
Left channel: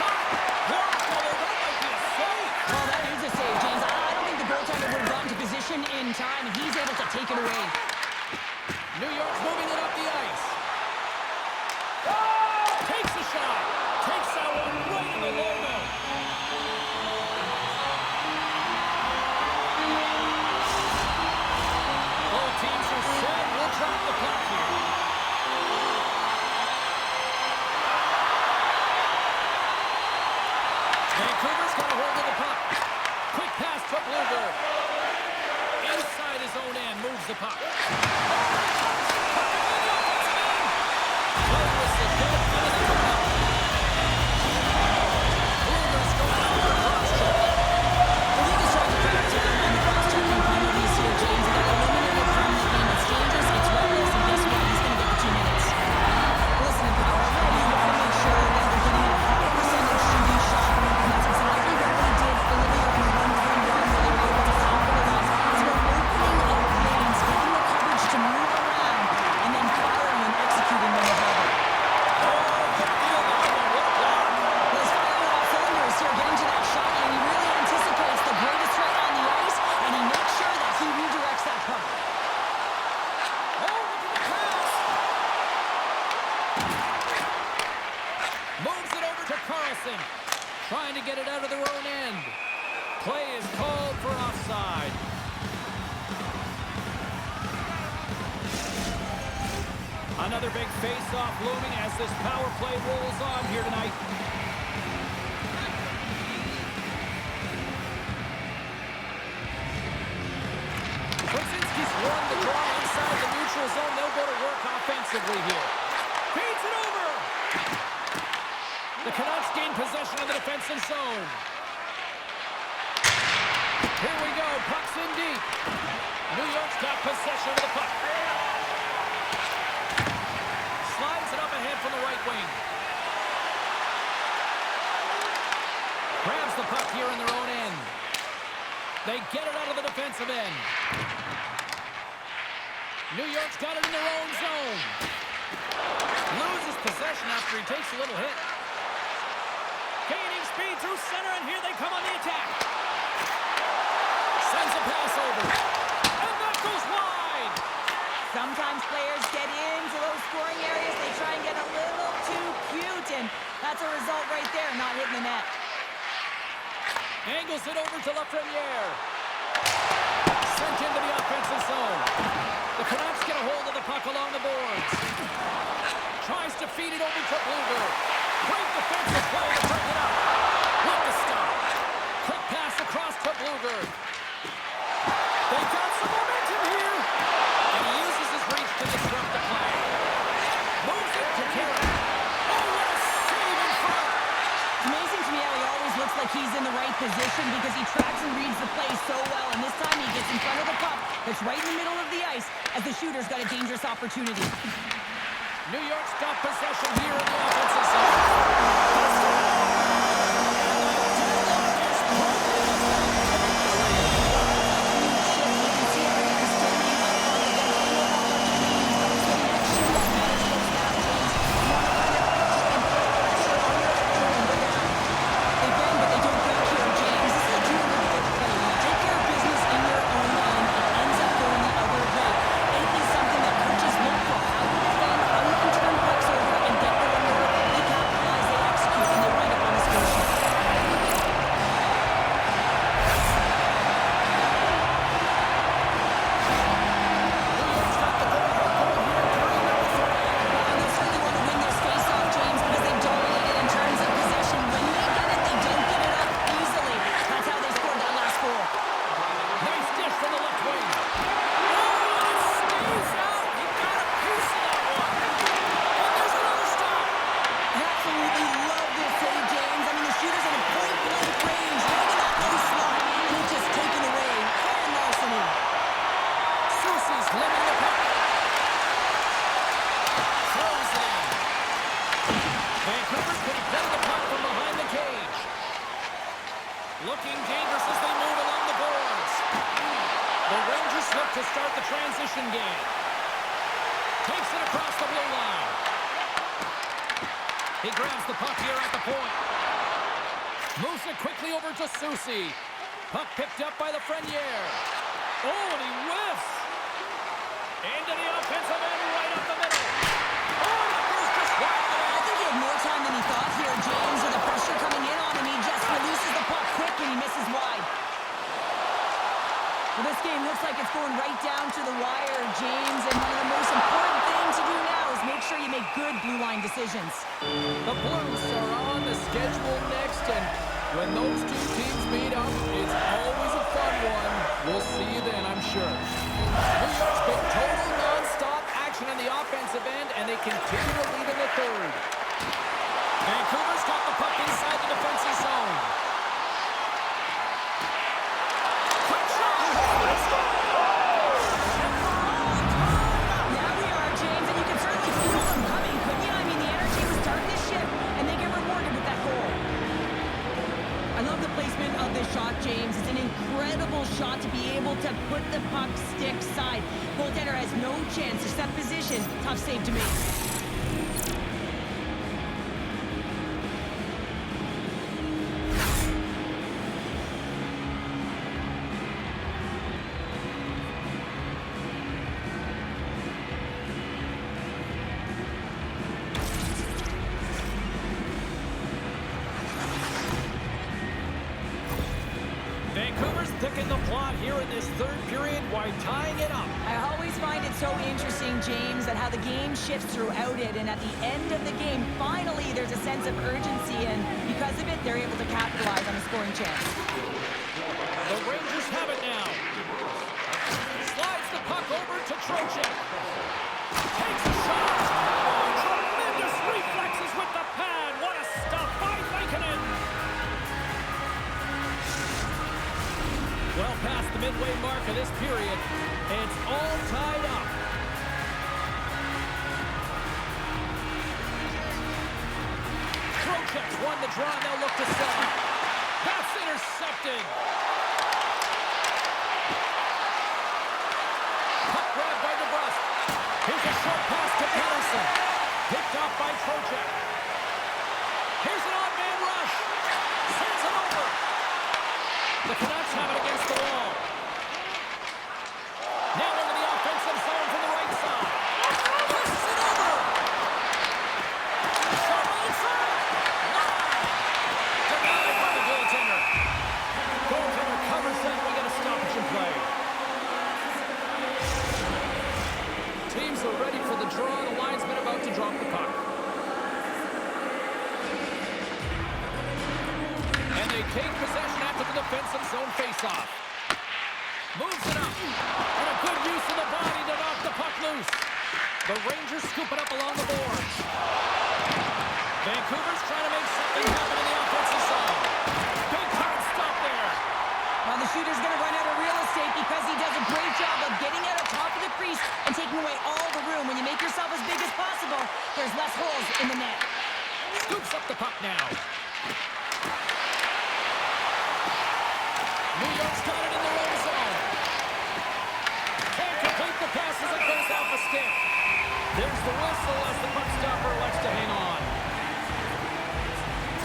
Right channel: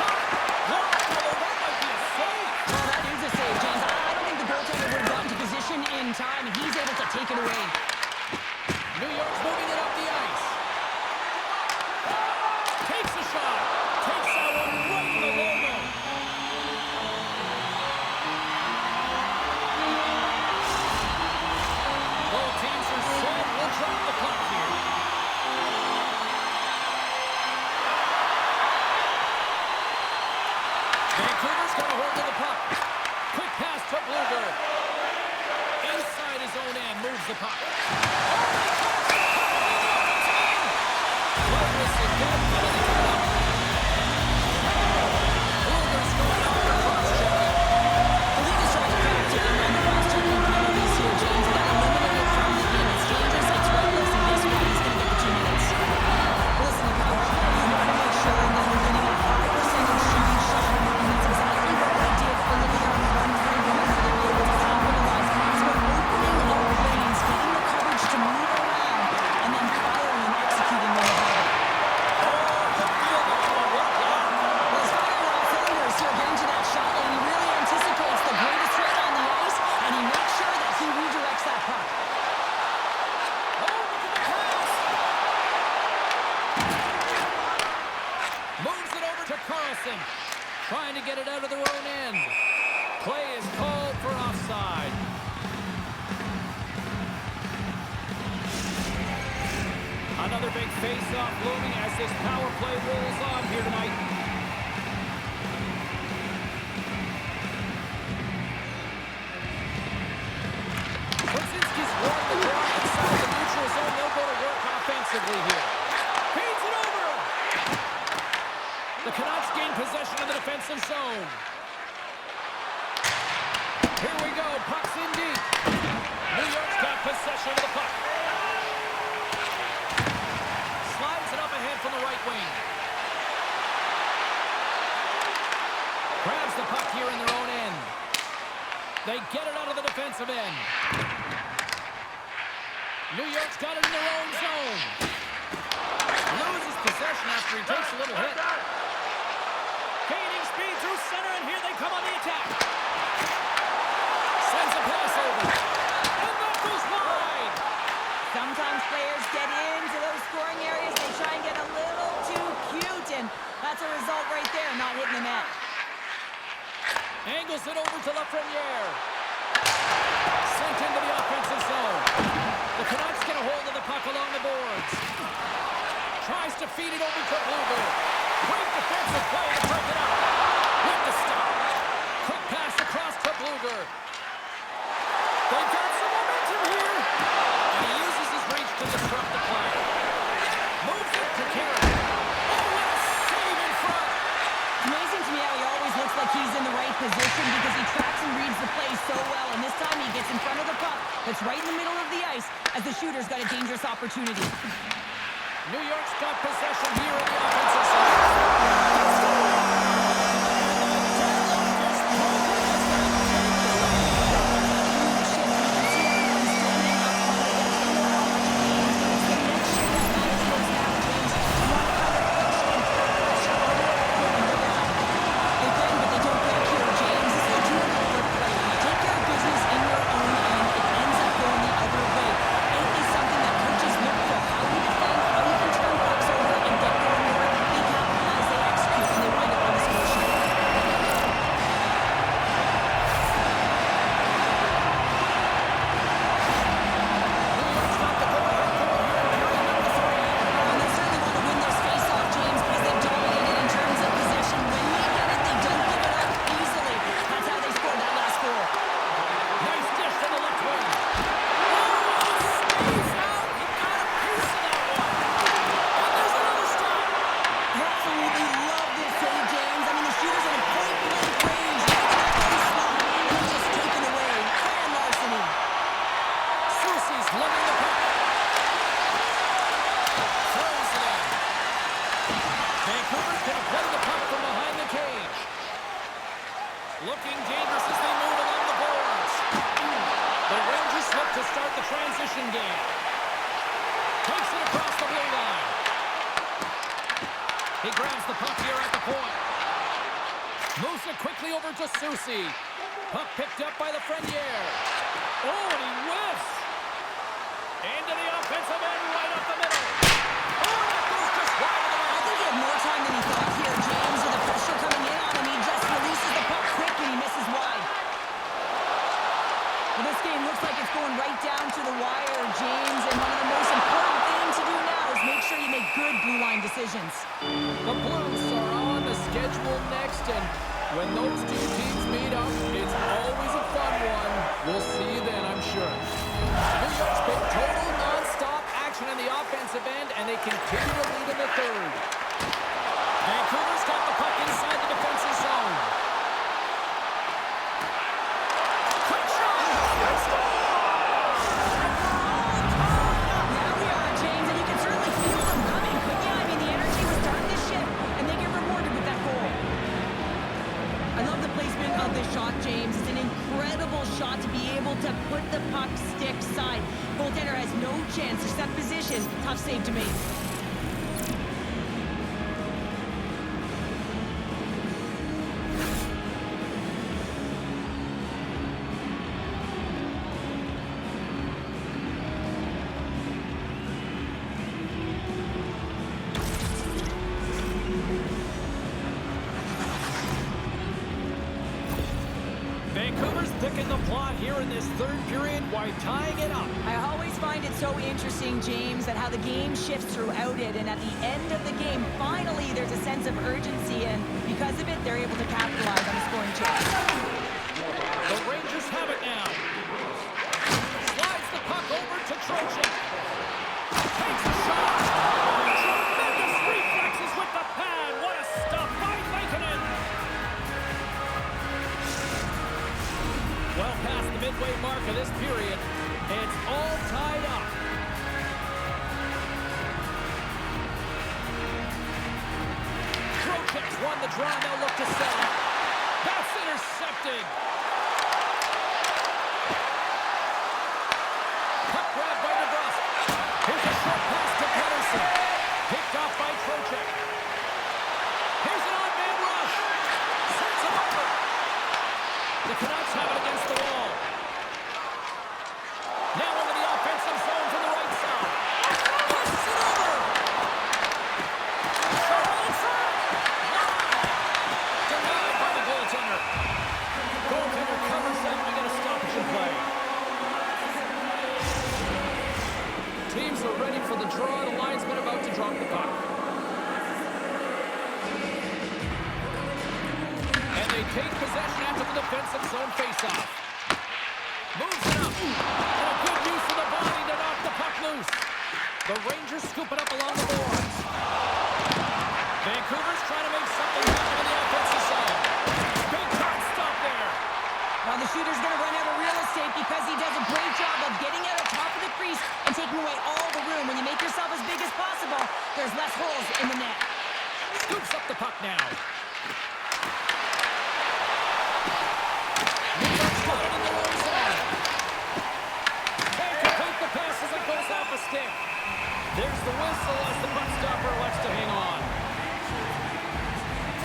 Shot! Blocked, although that might be a save. Well, that is a save, James. I don't think the goaltender would have gotten to position in time, and he's able to take it away. New York's moving it up the ice. Takes a shot. Takes that one right in the logo. Both teams are set. We'll drop the puck here. Vancouver's got a hold of the puck. Quick pass to Blueger. Inside his own end, moves the puck. Oh, he cuts the puck in the offensive end. Play was the dead minute to come. Blueger's going out for cross-checking. The league is trying to crack down on the cross-checking penalties here, James. They got eliminated from the game. It's dangerous, it's reckless, and guess what? He's going to get the 2 minutes. Listen, in power play, you want to make sure that you're getting a high percentage shooting shot, and that's exactly what they did earlier on the 1-3-1, where they were able to capitalize. It's about opening up lanes, getting the coverage to move around, and then firing and executing when you have it. Well, he's firing on all cylinders here, getting to that shot lane. He really anticipates the greatest threat on the ice, and he makes sure that he redirects that puck. Moves it over to Carlson. Trying to get it out of their own end. Play is called for offside. Another big face-off looming as this power play rolls on here tonight. Brzezinski's won the draw inside the neutral zone. They'll go to work offensively here. Feeds it over. The Canucks gain possession of the defensive zone. Here we go. Puck's in deep. New York's got possession of the puck. Slides it up ahead from the right wing. Grabs the puck here in their own end. They get it out of the defensive end. New York's got it in their own zone. Loses possession after he takes a little hit. Gaining speed through center, and here they come on the attack. Sends a pass over. And that goes wide. Sometimes players get into those scoring areas. They try and get a little too cute, and that's a result right there, not hitting the net. Angles it over to Lafreniere. Sent into the offensive zone. The Canucks get a hold of the puck along the boards. Tries to feed it over to Blueger. Great defensive play to break it up. With the stop. Quick pass across to Blueger. They've got some momentum here. And he uses his reach to disrupt the play. Moves it to Carey. Oh, what a save in front. It's amazing to me how he always looks like he he's in the right position because he tracks and reads the play so well. And this time he gets in front of the puck that's right in the middle of the ice as the shooter's got a dangerous opportunity. New York's got possession here in the offensive zone. And the deadlock is broken as they take the lead. Huge shift. You can see everyone standing up on the bench. They know how much it means, but it's the next shift that matters most now, James. You want to kind of push and put pressure on your opponent when they're down. They bend, but they don't break here, James. This is a two-on-one play. When you take care of business in your own end, it ends up going the other way. It is something that coaches look for. How you defend, how you can turn pucks over and get going more. They capitalize, they execute, and they wind up on the score sheet. New York's got the go-ahead goal here in period number 3. And they certainly want to win this face-off, James, because they've dominated in terms of possession. When they get it, they don't give it up easily. That's how they scored that last goal. Nice dish from the left wing. Oh, it stays out. He got a piece of that one. And there's another stop. Absolutely love this save, James. I mean, the shooter's in a point-blank range, right in that low slot, and it's just taken away. Grand larceny. Soucy's letting the puck. Throws it in. Vancouver's going to play the puck from behind the cage. Looking dangerous as they move along the boards. The Rangers look to start the transition game. Takes it across the blue line. He grabs the puck here at the point. Moves it quickly over to Soucy. Puck picked up by Lafreniere. Oh, and he whiffs. Into the offensive end, right up the middle. Oh, that goes just wide of the I net. think he had more time than he thought here, James, with the pressure coming in on him. He just releases the puck quick and he misses wide. Well, this game looks like it's going right down to the wire, James, and one of the most important things to do now is make sure you make good blue line decisions. The Blues are on the schedule next, and when those two teams meet up, it's always a fun one. We'll see you then, I'm sure. New York's been total non-stop action on the offensive end, and they continue to lead in the third. Vancouver's got the puck inside the defensive zone. Quick shot! They score! And we're all tied up. Yeah, we are, James, and you can certainly feel them coming, couldn't you? I mean, the energy was starting to shift, and they get rewarded with that goal. I love the placement of this shot, James. It's an incredible shot to be able to put the puck stick side. Goaltender has no chance to set position. Tough save to make. Vancouver's picking the plot here in this third period while tying it up. I always find it so interesting, James, that how the game shifts throughout it, and at the end of the game, finally, there's a sense of urgency, and because of it, they're able to capitalize on a scoring chance. The Rangers have it now. Slides the puck over to Trocheck. Takes a shot. Tremendous reflexes with the pad. What a stuff by Lankinen. Well past the midway mark of this period, it's all tied up. Trocheck's won the draw, and they'll look to set up. That's intercepted. Puck grabbed by DeBrusque. Here's a short pass to Pettersson. Picked off by Trocheck. Here's an odd-man rush. Sends it over. The Canucks have it against the wall. Now into the offensive zone from the right side. Pushes it over. Shot on the inside. Line. Denied by the goaltender. Goaltender covers that. We got a stoppage in play. Teams are ready for the draw. The linesman about to drop the puck. And they take possession after the defensive zone faceoff. Moves it up. And a good use of the body to knock the puck loose. The Rangers scoop it up along the boards. Vancouver's trying to make something happen in the offensive zone. Big time stop there. Well, the shooter's going to run out of real estate because he does a great job of getting out of top of the crease and taking away all the room. When you make yourself as big as possible, there's less holes in the net. Scoops up the puck now. New York's got it in their own zone. Can't complete the pass as it goes off a stick. There's the whistle as the puck stopper elects to hang on.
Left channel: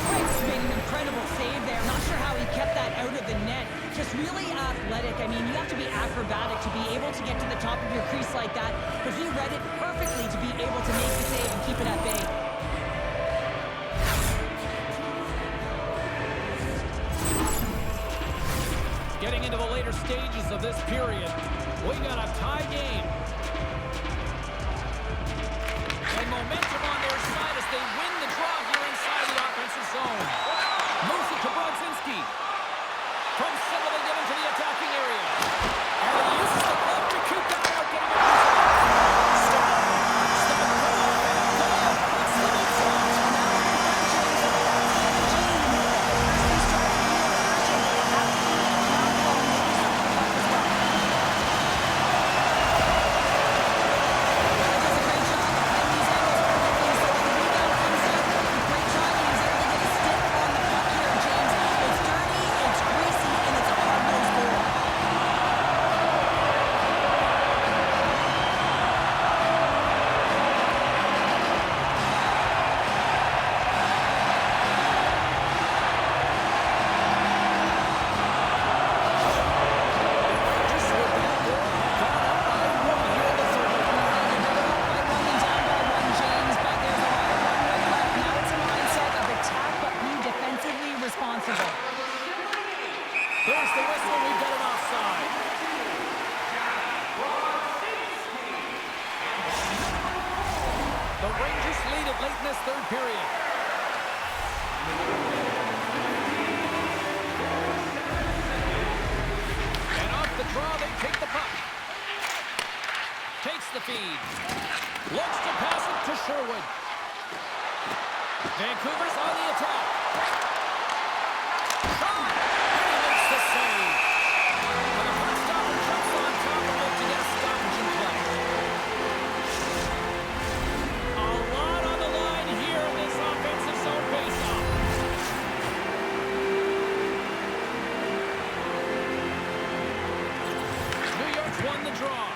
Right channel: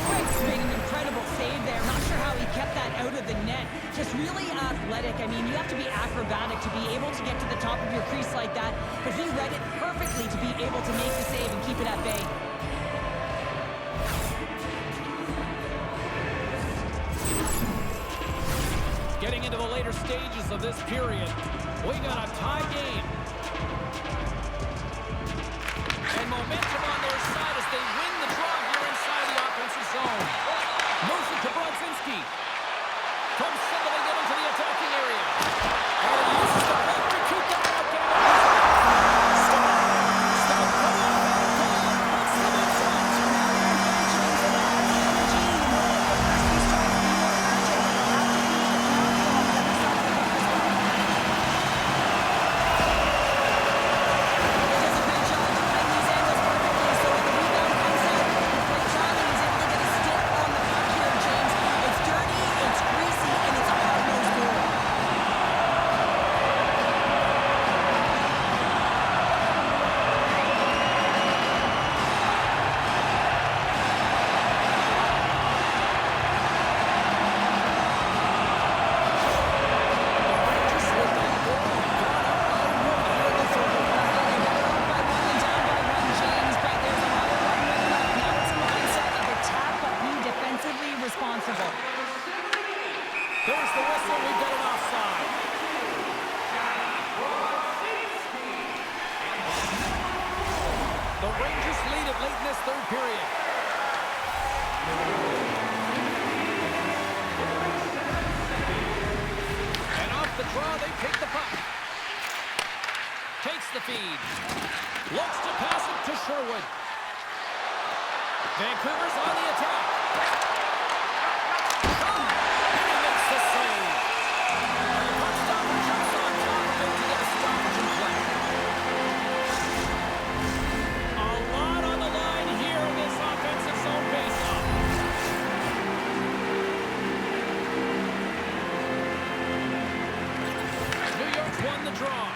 Briggs made an incredible save there. Not sure how he kept that out of the net. Just really athletic. I mean, you have to be acrobatic to be able to get to the top of your crease like that. But he read it perfectly to be able to make the save and keep it at bay. Getting into the later stages of this period, we got a tie game. And momentum on their side as they win the draw here inside the offensive zone. Moves it to Brodzinski. From settling it into the attacking area. And he uses the block to keep that out, getting a piece of it. Stop! Stop! Puts them in front. Now they're in front, James, and they'll have the energy. You know that the first base drive will be more urgent, but they'll have to be accountable on the other side of the puck as well. Really does a great job of playing these angles perfectly. So when the rebound comes out, a great job, and he's able to get a stick on the puck here, James. It's dirty, it's greasy, and it's a hard-nosed goal. Responsible. There's the whistle. We've got an offside. The Rangers lead it late in this third period. And off the draw, they take the puck. Takes the feed. Looks to pass it to Sherwood. Vancouver's on the attack. And he makes the save. And the puck stopper jumps on top of it to get a stoppage in play. A lot on the line here in this offensive zone faceoff. New York's won the draw.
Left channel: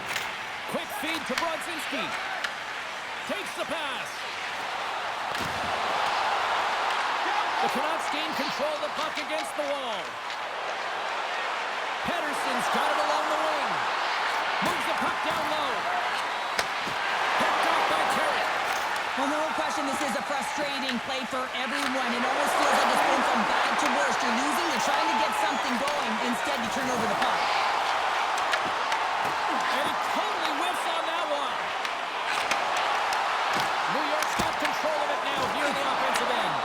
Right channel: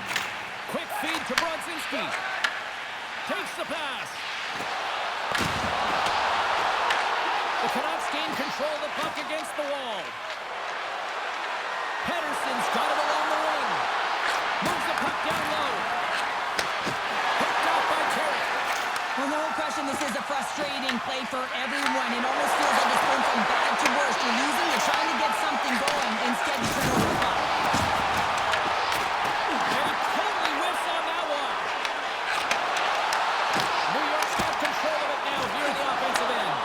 Quick feed to Brodzinski. Takes the pass. The Canucks gain control of the puck against the wall. Pedersen's got it along the wing. Moves the puck down low. Picked off by Terry. Well, no question, this is a frustrating play for everyone. It almost feels like it's going from bad to worse. You're losing, you're trying to get something going. Instead, you turn over the puck. And he totally whiffs on that one. New York's got control of it now here in the offensive end.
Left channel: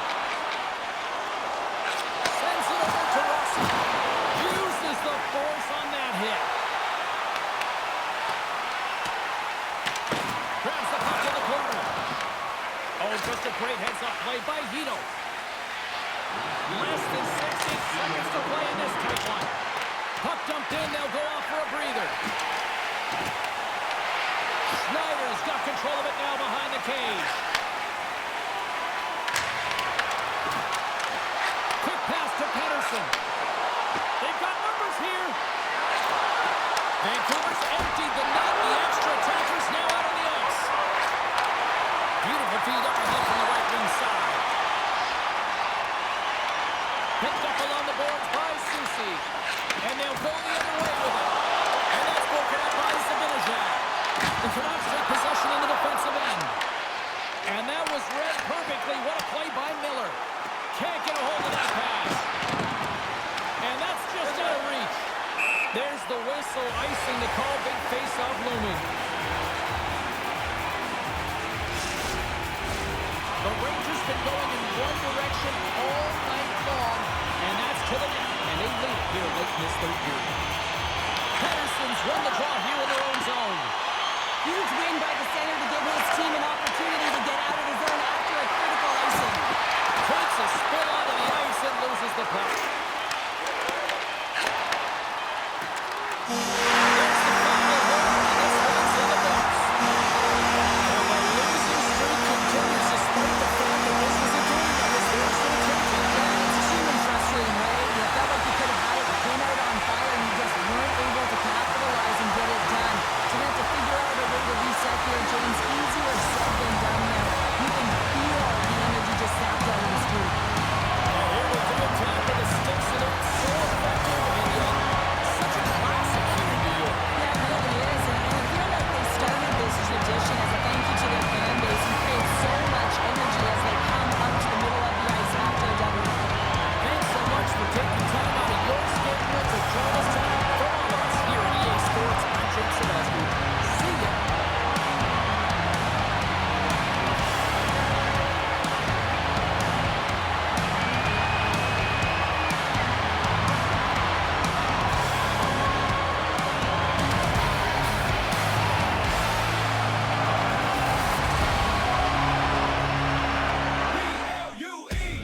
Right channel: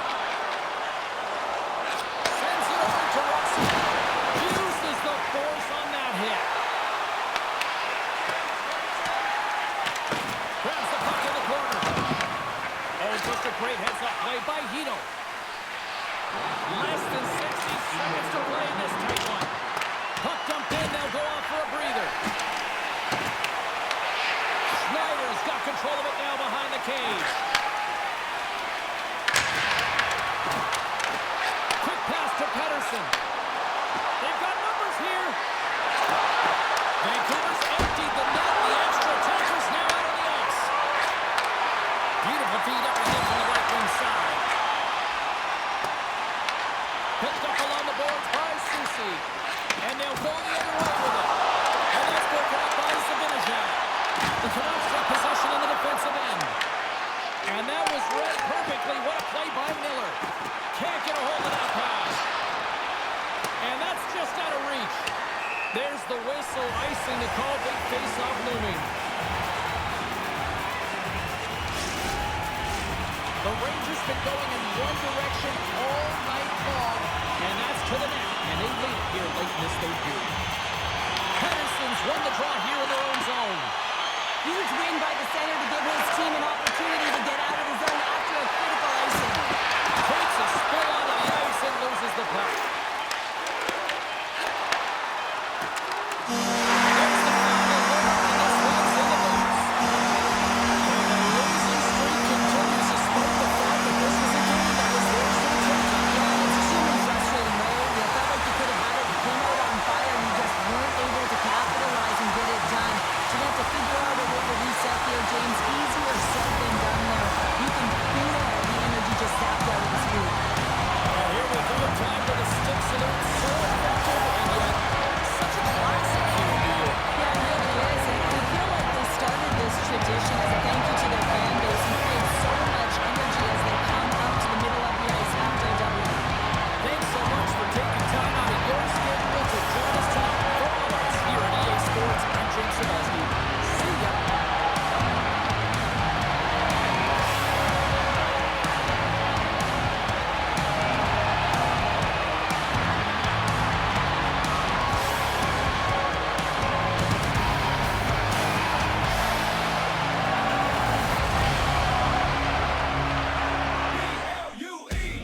Sends it over to Rossi. Uses the force on that hit. Grabs the puck in the corner. Oh, just a great heads-up play by Hito. Less than 60 seconds to play in this tight one. Puck dumped in. They'll go off for a breather. Schneider's got control of it now behind the cage. Quick pass to Pedersen. They've got numbers here. Vancouver's emptied the net. The extra attackers now out on the ice. Beautiful feed up ahead from the right wing side. Picked up along the boards by Soucy. And they'll go the other way with it. And that's broken up by Zibanejad. The Canucks take possession in the defensive end. And that was read perfectly. What a play by Miller. Can't get a hold of that pass. And that's just out of reach. There's the whistle, icing the call. Big face-off looming. The Rangers been going in one direction all night long. And that's to the net. And they lead it here late in this third period. Pedersen's won the draw here in their own zone. Huge win by the center to give his team an opportunity to get out of the zone after a critical icing. Takes a spill onto the ice and loses the puck. There's the final whistle, and this one's in the books. And the losing streak continues despite the fact that this was a game that was theirs for the taking. Yeah, it's extremely frustrating, right? You felt like you could have had it, you came out on fire, and you just weren't able to capitalize and get it done. So you have to figure out a way to reset here, James. Easier said than done now. You can feel the energy just sapped out of this group. And here we go, time for the stick salute. So effective, and yet such a classic here in New York. Yeah, it really is. And I feel like they started this tradition as a thank you to their fan base and create so much energy as they come up to the middle of the ice after a W. Thanks so much for taking time out of your schedule to join us tonight. For all of us here at EA Sports, I'm James Sebesky. See ya. B-L-U-E.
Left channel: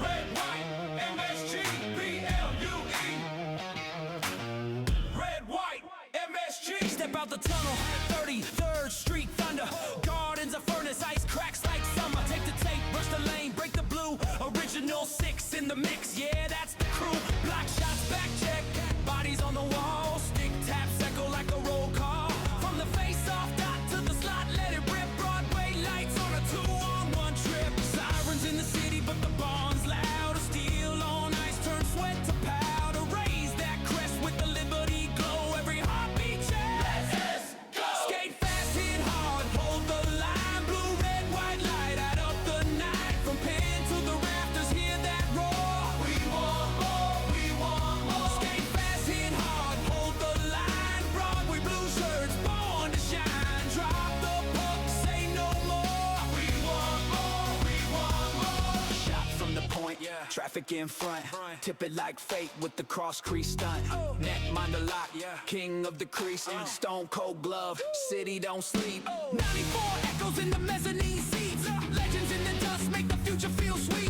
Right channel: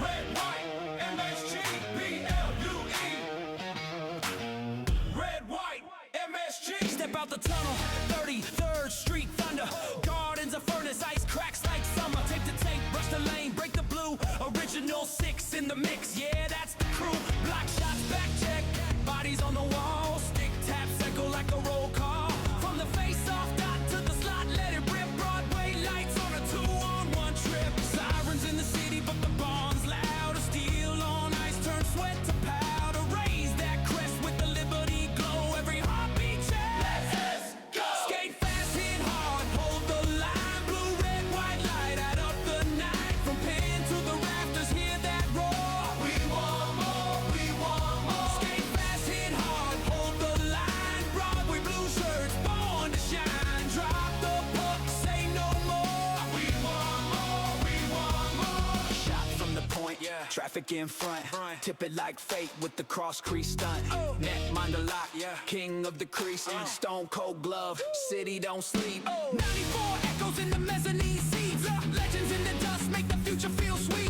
Red, white, MSG. B-L-U-E. Red, white, MSG. Step out the tunnel, 33rd Street Thunder. Gardens of furnace, ice cracks like summer. Take the tape, rush the lane, break the blue. Original 6 in the mix, yeah, that's the crew. Block shots, back check, bodies on the wall. Stick taps echo like a roll call. From the face-off dot to the slot, let it rip. Broadway lights on a 2-on-1 trip. Sirens in the city, but the bond's louder. Steel on ice, turn sweat to powder. Raise that crest with the Liberty glow. Every heartbeat chest. Let's go. Skate fast, hit hard, hold the line. Blue, red, white light, out of the night. From pen to the rafters, hear that roar. We want more. We want more. Skate fast, hit hard, hold the line. Broadway blue shirts, born to shine. Drop the puck, say no more. We want more. We want more. Shot from the point, yeah. Traffic in front. Tip it like fate with the cross crease stunt. Net mind a lot, yeah. King of the crease. Stone cold glove. City don't sleep. 94 echoes in the mezzanine seats. Legends in the dust make the future feel sweet.